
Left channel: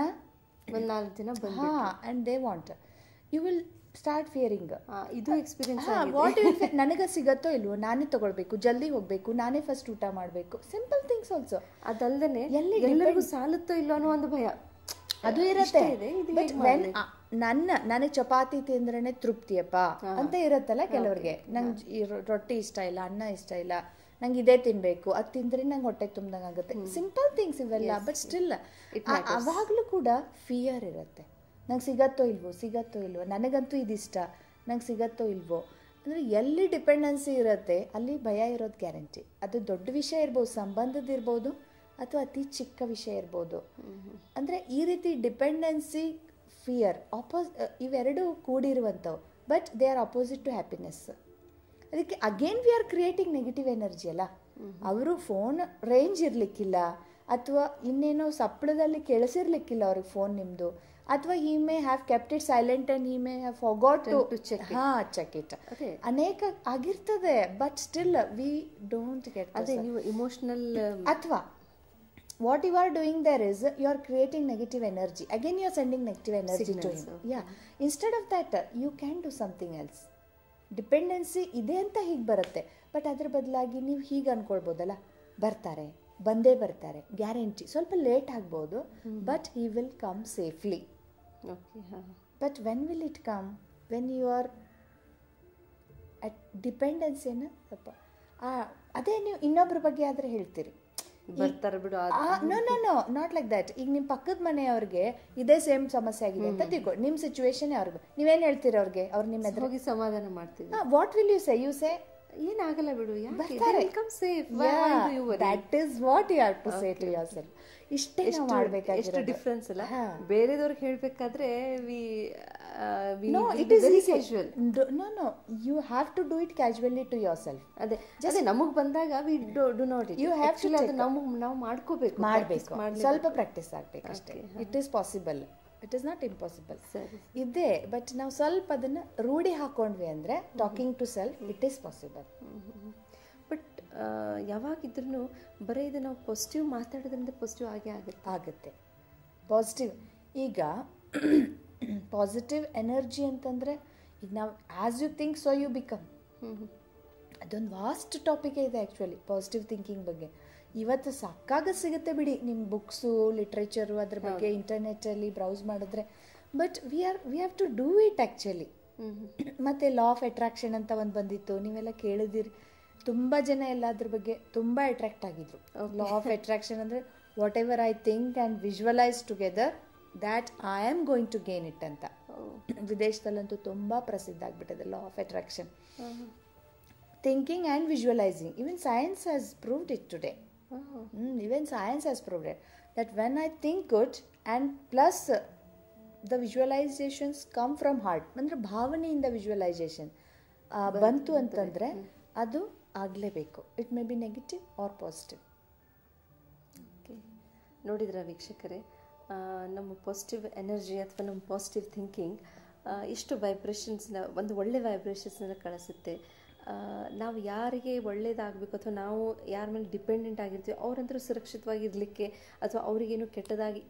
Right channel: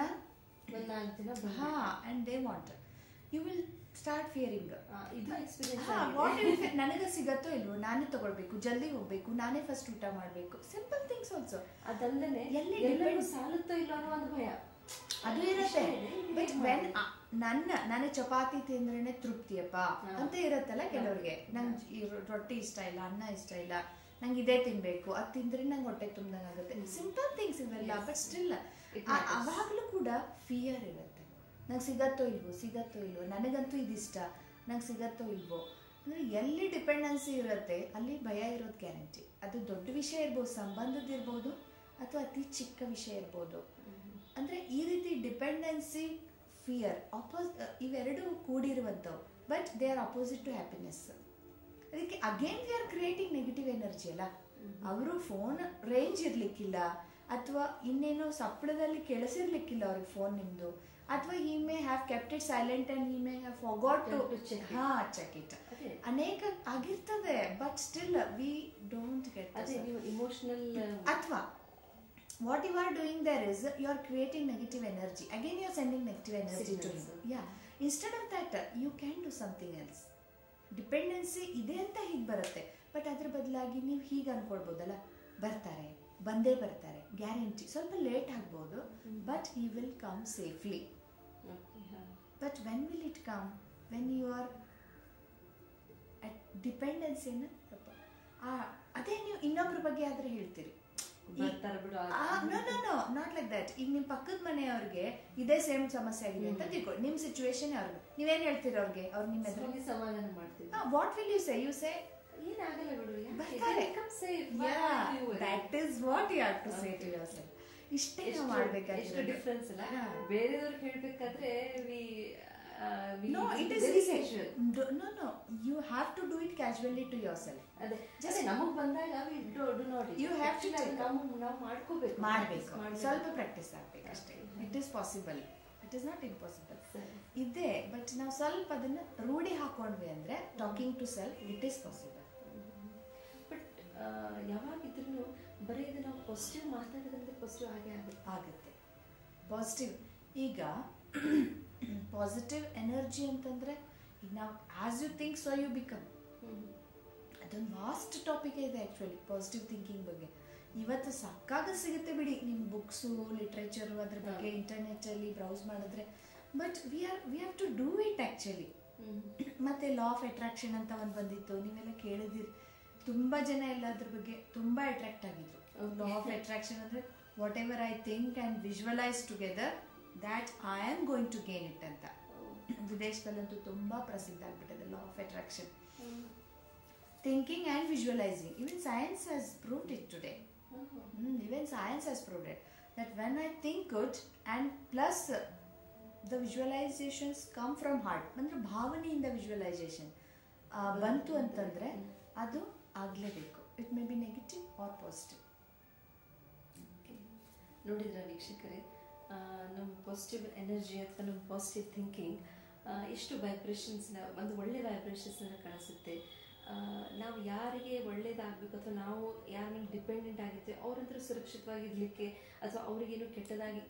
ಒಂದು 4 ಜನ and they want, you will start fearing. ಇದು ಎಕ್ಸ್ಪೀರಿಯನ್ಸ್. ವಾಟ್ ನನಗೆ ಸಿಗತ್ತೋ ಇಲ್ವೋ, ನಾನೇ ತಗೊಳ್ಬೇಕು, ಜಲ್ದಿ ಹೋಗಬೇಕು, ನಾನೇ ಫಸ್ಟ್ ಊಟ ಮಾಡಬೇಕು, ಸಿಂಪಲ್ ಥಿಂಗ್ಸ್ ಆಲ್ಸೋ. ಅದಲ್ಲದೆ ಎಲ್ಲರಿಗೂ ಸಾಲುತ್ತೋ ಇಲ್ಲೋ ಅನ್ನೋ ಒಂದು ಭಯ ಅದು ಇರುತ್ತೆ. ಬಟ್ ವೆನ್ ನನಗೆ ಚಪಾತಿ ತಿಂದ್ರೇ ತೃಪ್ತಿಯಪ್ಪ ಅಂತ ಇರುತ್ತಲ್ಲ ಕೆಲವ್ರಿಗೆ. ನಂಗೆ ರೊಟ್ಟಿ ಇಷ್ಟ ಇಲ್ಲ, ಅನ್ನ ಇಷ್ಟ ಇಲ್ಲ, ನಂಗೆ ಇದೇ ತಿನ್ನಬೇಕು, ಅದು ತಿಂದರೆ ನಂಗೆ ಹೊಟ್ಟೆ ತುಂಬ್ದಂಗೆ ಆಗುತ್ತೆ. ಸಿಂಪಲ್ ಥಿಂಗ್ಸ್ ಇವೆಲ್ಲ. ಬಟ್ ಸ್ಟಿಲ್ ಅವಾಗಲೂ ಕೂಡ ಫಿಯರ್ ಇರುತ್ತೆ. ನಂಗೆ ಸಿಗತ್ತೋ ಇಲ್ವೋ, ನನಗಂತೂ ಇದಿಷ್ಟ, ನಂಗೆ ಸಿಗತ್ತೋ ಇಲ್ವೋ. ಅಂದರೆ ಎಲ್ಲಿ ಡಿಪೆಂಡೆನ್ಸಿ ಇರುತ್ತೆ ಅಲ್ಲಿ ಭಯ ಇರೋದು ಗ್ಯಾರಂಟಿ. ಅದು ದೊಡ್ಡ ವಿಷಯ ಇರ್ಬೋದು, ಸಂಬಂಧದಿರ್ಬೋದು, ಅಥವಾ ಅತಿ ಚಿಕ್ಕ ವಿಷಯ ಇರ್ಬೋದು. ಅಂದರೆ ಈ ರೀತಿ ಡಿಪೆಂಡೆನ್ಸಿ, ಫಿಯರ್, ಇವೆರಡೂ ಕೂಡಿರುವಂಥವು. But they are opposite to happiness. ಅದಕ್ಕೆ again we are creating negative energy ಅಲ್ಲ. ಅವರು ಫೋನ್ ರೇಂಜ್ ಇರಲಿಕ್ಕಿಲ್ಲ, ಅಥವಾ ಇನ್ನೇನೋ ಸಪ್ಪಳದಲ್ಲಿ ಕೇಳಿಸಿರ್ಲಿಕ್ಕಿಲ್ಲ ಅವ್ರಿಗೆ ಫೋನ್ ನಿಮ್ಮದು, ಅಥವಾ he may have kept it silent and he may have forgot to check it. ಅನೇಕ ಆಗಿರ್ತದೆ. But still we don't get ಅದೇ ನೀವು ಇಮೋಷನಲ್. ಅಥವಾ what you are doing there is you are creating negative energy. Again you are sending negative energy signals to him. Instead of that you can do something else. Dependency ಇದೆ ಅಂತ ಹೀಗೆ ಬರುತ್ತೆ. But ಅದ್ರ ಬದಲಾಗಿ ನೀವು ಹೀಗೆ ಅಂದ್ಕೊಳ್ಬೋದಲ್ಲ, ಬಂದೇ ಬರ್ತಾರೆ, ಗ್ಯಾರಂಟಿ. ಸ್ವಲ್ಪ ಲೇಟ್ ಆಗ್ಬೋದು, but he will come safely. But when will it come? When you are at ಡಿಪೆಂಡೆನ್ಸಿಯನ್ನು ಸ್ವಲ್ಪ ಅದೇ ನೀವು ಇನ್ನೊಬ್ಬರ ಬಗ್ಗೆ ಆದರೆ ಹೇಳ್ತೀರಿ, ನೋ ನಾಟ್ ಲೈಕ್ ದ್ಯಾಟ್. ಈಗ ನಿಮ್ಮ ಪಕ್ಕದ ಮನೆಯವ್ರಿಗೆ ಇದೇ ಸೇಮ್ ಸಮಸ್ಯೆ ಆಗಿದೆ ಅಂತ ತಿಳ್ಕೊ, ನಿಮ್ಮ ಸಿಚುವೇಶನ್ ಅವ್ರಿಗೆ ನೀವೇನು ಹೇಳ್ತೀರಿ ಅವ್ರಿಗೆ? ಅವ್ರು ನಿಮ್ಮ ಎದುರು ಹೋಗಿ ಸಮಾಧಾನ ಮಾಡ್ತೀವಿ. ವಾಟ್ ವಿಲ್ ಯು ಸೇ ಏನಾಗಲ್ಲ ಬಿಡು, that is what you have to say to yourself. ಇಷ್ಟೇ ನಾವು ಮಾಡಬೇಕಾಗಿರೋದು. ಡಿಫ್ರೆನ್ಸ್ ಅಲ್ಲ. ಬೇರೆದವ್ರಿಗೆ ಹೇಳಬೇಕಾದ್ರೆ no, it is very casual. No, you have to do it casually to yourself. ಅದೇ ನಮಗೆ ಬಂದಾಗ we do not it. You have to ಅದು ನಾವು ಮಾಡ್ಕೋಬೇಕು, ಸ್ವಲ್ಪ ಪ್ರಾಕ್ಟೀಸ್ ಆಗಬೇಕು ಅಷ್ಟೇ. It is possible, it is not impossible ಇದೆ. ಬಟ್ ನಾವು ಸ್ವಲ್ಪ ಅದನ್ನು ರೂಢಿ ಹಾಕೊಂಡ್ವಿ ಅಂದರೆ talking to self, it is possible. But ಯಾವಾಗಿದ್ರೂ ಬರೀ ಇದು ನಾವು ಪಾಸಿಟಿವ್ ಮಾತಾಡೋದ್ರಿಂದ ಪಾಸಿಟಿವ್ ಆಗುತ್ತೆ. ಪಾಸಿಟಿವ್ ಈಗ ಪಾಸಿಟಿವ್ ಎನರ್ಜಿ ಅಂತಂದರೆ ಈಗ ನಾವು as you think so you become. ಅದೊಂದು ವಾಸ್ಟ್ ಟಾಪಿಕ್ ಇದೆ ಆ್ಯಕ್ಚುಲಿ ಪಾಸಿಟಿವ್ ಥಿಂಕಿಂಗ್ ಬಗ್ಗೆ. ಇವತ್ತು ಸಾಕಾಗ ಸಿಗುತ್ತೆ ಬಿಡಿ, ನಿಮ್ಮ ಬುಕ್ಸು, ಲಿಟ್ರೇಚರು ಅದ್ರ ಬಗ್ಗೆ ಇಂಟರ್ನೆಟ್ಟಲ್ಲಿ ಬ್ರೌಸ್ ಮಾಡಿದ್ರೆ. But we have to do it actually. ಮತ್ತು ಲಾ ಆಫ್ ಅಟ್ರಾಕ್ಷನ್ ಅಂತ ಒಂದು ಬಂದಿತ್ತು, ನೀವೆಲ್ಲ ಕೇಳಿದಿರಿ. ತುಂಬ ಜನ ಎಲ್ಲ ಅದ್ರ ಬಗ್ಗೆ ತುಂಬ ಅಟ್ರಾಕ್ಟ್ ಆಗಿದ್ರು. ಲಾ ಆಫ್ ಅಟ್ರಾಕ್ಷನ್ ಅಂದರೆ whatever I think and visualise together that I am going to gain it ಅಂತ. ವಿದೇಶದಲ್ಲಂತೂ ತುಂಬ ಪ್ರಸಿದ್ಧ ಆಗಿಬಿಟ್ಟಿದೆ ಲಾ of attraction. Thinking and visualising, even science has proved it today. Even science has proved it, that when I think good and plus the visualizations come from heart, ಅಂದರೆ ಭಾವನೆಯಿಂದ visualisation ಬಂತು ಅಂತಂದರೆ ಅದು ಆಗಲೇಬೇಕು. It may be negative or positive. Okay, ನೋಡಿದ್ರ ವೀಕ್ಷಕರೇ, ನಮ್ಮ positive energy ಅಥವಾ ನಮ್ಮ ಪಾಸಿಟಿವ್ ಥಿಂಕಿಂಗ್ ಇಷ್ಟು ವೈಬ್ರೇಷನ್ಸ್ನ, ಒಂದು ಒಳ್ಳೆ ವೈಬ್ರೇಷನ್ಸ್ನ ಕಳಿಸುತ್ತೆ. ನಾವು ಯಾರಿಗೆ ಒಳ್ಳೇದಾಗಬೇಕು ಅಥವಾ ನಾವು ಯಾರ ಮೇಲೆ ಡಿಪೆಂಡೆಂಟ್ ಆಗಿರ್ತೀವಿ ಅವರಂತರೂ ಸುರಕ್ಷಿತವಾಗಿರಲಿಕ್ಕೆ ಅಥವಾ ಅವರಿಗೇನು ಕೆಟ್ಟದಾಗಿ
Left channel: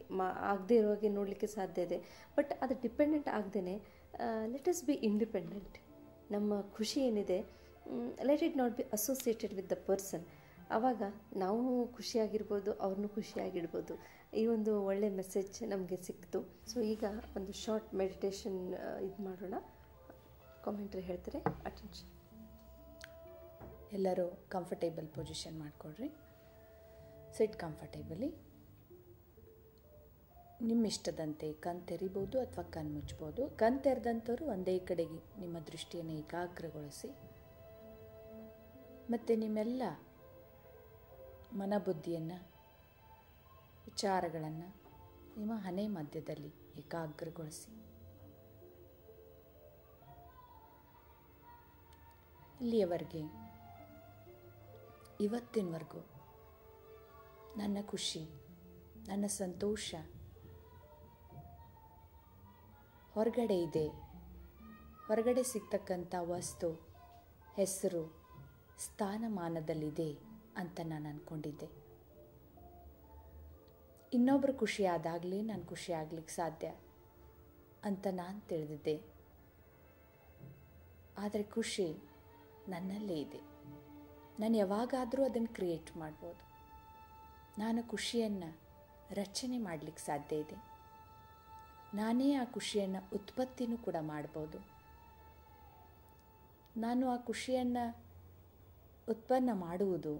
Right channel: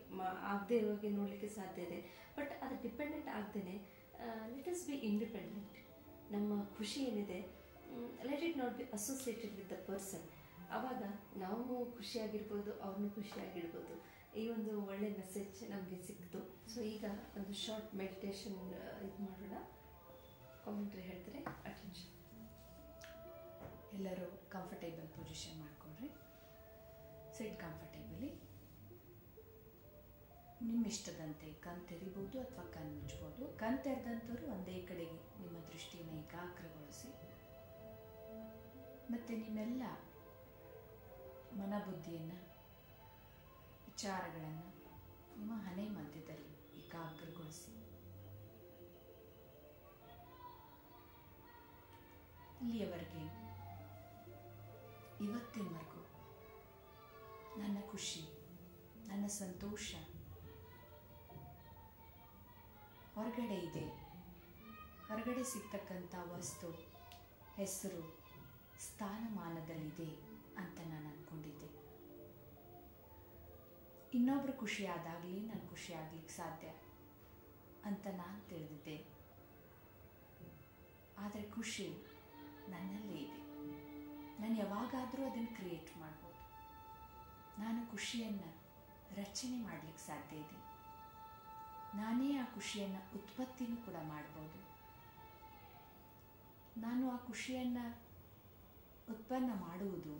ಆಗದೇ ಇರುವಾಗೆ ನೋಡಲಿಕ್ಕೆ ಸಾಧ್ಯ ಇದೆ. ಬಟ್ ಅದು ಡಿಪೆಂಡೆಂಟ್ ಆಗದೇ ಲೆಟ್ ಅಸ್ ಬಿ ಇಂಡಿಪೆಂಡೆಂಟ್. ನಮ್ಮ ಖುಷಿ ಏನಿದೆ, let it not be associated with the person. ಆವಾಗ ನಾವು ಖುಷಿಯಾಗಿರ್ಬೋದು, ಅವ್ರನ್ನೂ ಖುಷಿಯಾಗಿಡ್ಬೋದು. ಈ ಒಂದು ಒಳ್ಳೆ ಮೆಸೇಜ್ ನಮಗೆ ಸಿಕ್ತು. ಸೊ ಈಗ ಒಂದು ಶಾರ್ಟ್ ಮೆಡಿಟೇಷನ್ ಇದು ಮಾಡೋಣ. ಕಾಮೆಂಟ್ರಿ ಹೇಳ್ತಾರೆ, ಅಟೆನ್ಷನ್. ಎಲ್ಲರೂ ಕಂಫರ್ಟೇಬಲ್ ಪೊಸಿಷನ್ ಮಾಡಿಕೊಡ್ರಿ. ಸಿಟ್ ಕಂಫರ್ಟೇಬಲಿ. ನಿಮ್ಮ ಇಷ್ಟದಂತೆ ಕಣ್ ತೆರಿಬೋದು ಅಥವಾ ಕಣ್ ಮುಚ್ಬೋದು. ಕಣ್ ತೆರೆದಂಥವ್ರು ಒಂದೇ ಕಡೆಗೆ ನಿಮ್ಮ ದೃಷ್ಟಿಯನ್ನು ಏಕಾಗ್ರಗೊಳಿಸಿ ಮತ್ತು ನಿಮ್ಮೆಲ್ಲ ಮನಬುದ್ಧಿಯನ್ನು, ವಿಚಾರಗಳನ್ನು ನಿಮ್ಮ ಹಣೆ ಮಧ್ಯದಲ್ಲಿ ಏಕಾಗ್ರಗೊಳಿಸಿ. ಇಲ್ಲಿಯವರೆಗೆ, ಇವತ್ತಿನವರೆಗೂ ನನ್ನ ಖುಷಿ, ನನ್ನ ಸಂತೋಷ ಹೊರಗಡೆ ಇದೆ, ಹೊರಗಡೆ ಸಿಗ್ತಕ್ಕಂಥ ವಸ್ತು, ಹೆಸರು, ಸ್ಥಾನಮಾನದಲ್ಲಿದೆ ಅಂತ ನಾನು ಅಂದ್ಕೊಂಡಿದ್ದೆ. ಇನ್ನೊಬ್ಬರು ಖುಷಿ ಆದಾಗಲೇ ನಾನು ಖುಷಿ ಆಗ್ಲಿಕ್ಕೆ ಸಾಧ್ಯ ಅಂತ ನಾನು ತಿಳಿದಿದ್ದೆ. ಆದರೆ ಖುಷಿ ನನ್ನಲ್ಲೇ ಇದೆ. ನಾನು ಯಾವಾಗಾದರೂ ಅದನ್ನು ಕ್ರಿಯೇಟ್ ಮಾಡ್ಬೋದು. ನಾನು ಖುಷಿಯನ್ನು ರಚನೆ ಮಾಡಲಿಕ್ಕೆ ಸಾಧ್ಯ ಇದೆ. ನಾನೇ ಆ ಖುಷಿಯನ್ನು ಉತ್ಪತ್ತಿನೂ ಕೂಡ ಮಾಡ್ಬೋದು. ನಾನು ಆ ಖುಷಿಯನ್ನು ಉತ್ಪನ್ನ ಮಾಡುವುದು,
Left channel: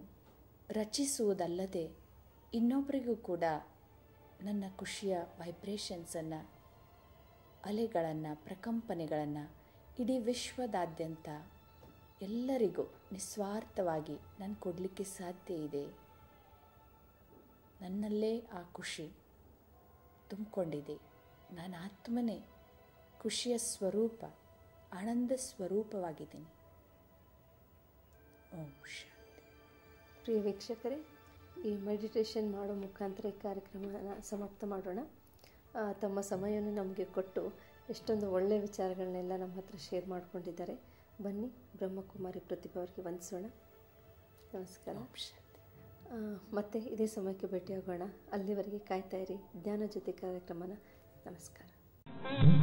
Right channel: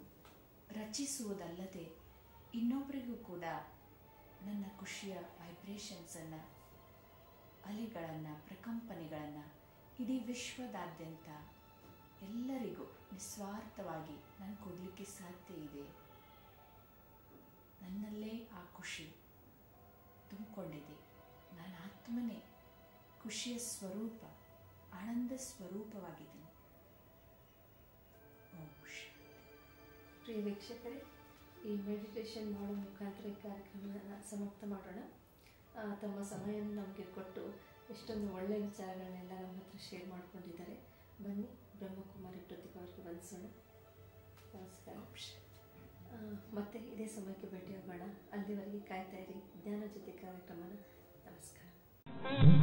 ರಚಿಸುವುದಲ್ಲದೆ ಇನ್ನೊಬ್ಬರಿಗೂ ಕೂಡ ನನ್ನ ಖುಷಿಯ ವೈಬ್ರೇಷನ್ಸನ್ನು, ಅಲೆಗಳನ್ನು, ಪ್ರಕಂಪನೆಗಳನ್ನು ಇಡೀ ವಿಶ್ವದಾದ್ಯಂತ ಎಲ್ಲರಿಗೂ ನಿಸ್ವಾರ್ಥವಾಗಿ ನಾನು ಕೊಡಲಿಕ್ಕೆ ಸಾಧ್ಯ ಇದೆ. ನನ್ನಲ್ಲೇ ಆ ಖುಷಿ ತುಂಬಿಕೊಂಡಿದೆ. ನಾನು ಆತ್ಮನೇ ಖುಷಿಯ ಸ್ವರೂಪ, ಆನಂದ ಸ್ವರೂಪವಾಗಿದ್ದೀನಿ. ಓಂ ಶಾಂತಿ. ಪ್ರಿಯ ವೀಕ್ಷಕರೇ, ಈ ಮೆಡಿಟೇಷನ್ ಮಾಡೋ ಮುಖಾಂತರ ಈ ಕಾರ್ಯಕ್ರಮವನ್ನು ಸಮಾಪ್ತ ಮಾಡೋಣ. ತಮ್ಮ ಸಮಯವನ್ನು ನಮಗೆ ಕೊಟ್ಟು ಎಷ್ಟೊಂದು ಒಳ್ಳೆಯ ವಿಚಾರಗಳನ್ನೆಲ್ಲ ನಮ್ಮ ಹತ್ರ ಶೇರ್ ಮಾಡ್ಕೊಂಡಿದ್ದಾರೆ. ಬನ್ನಿ ಬ್ರಹ್ಮಕುಮಾರಿ ಪ್ರತಿಭಾ ಅವರಿಗೆ ವಂದಿಸೋಣ. ನಮಸ್ಕಾರ. ಮತ್ತೆ ಇದೇ ಸಮಯಕ್ಕೆ ಭೇಟಿಯಾಗೋಣ. ಅಲ್ಲಿವರೆಗೆ ಕಾಯ್ತಾ ಇರಿ ಜ್ಞಾನ ಜ್ಯೋತಿ ಕಾರ್ಯಕ್ರಮನ. ನಮಸ್ಕಾರ.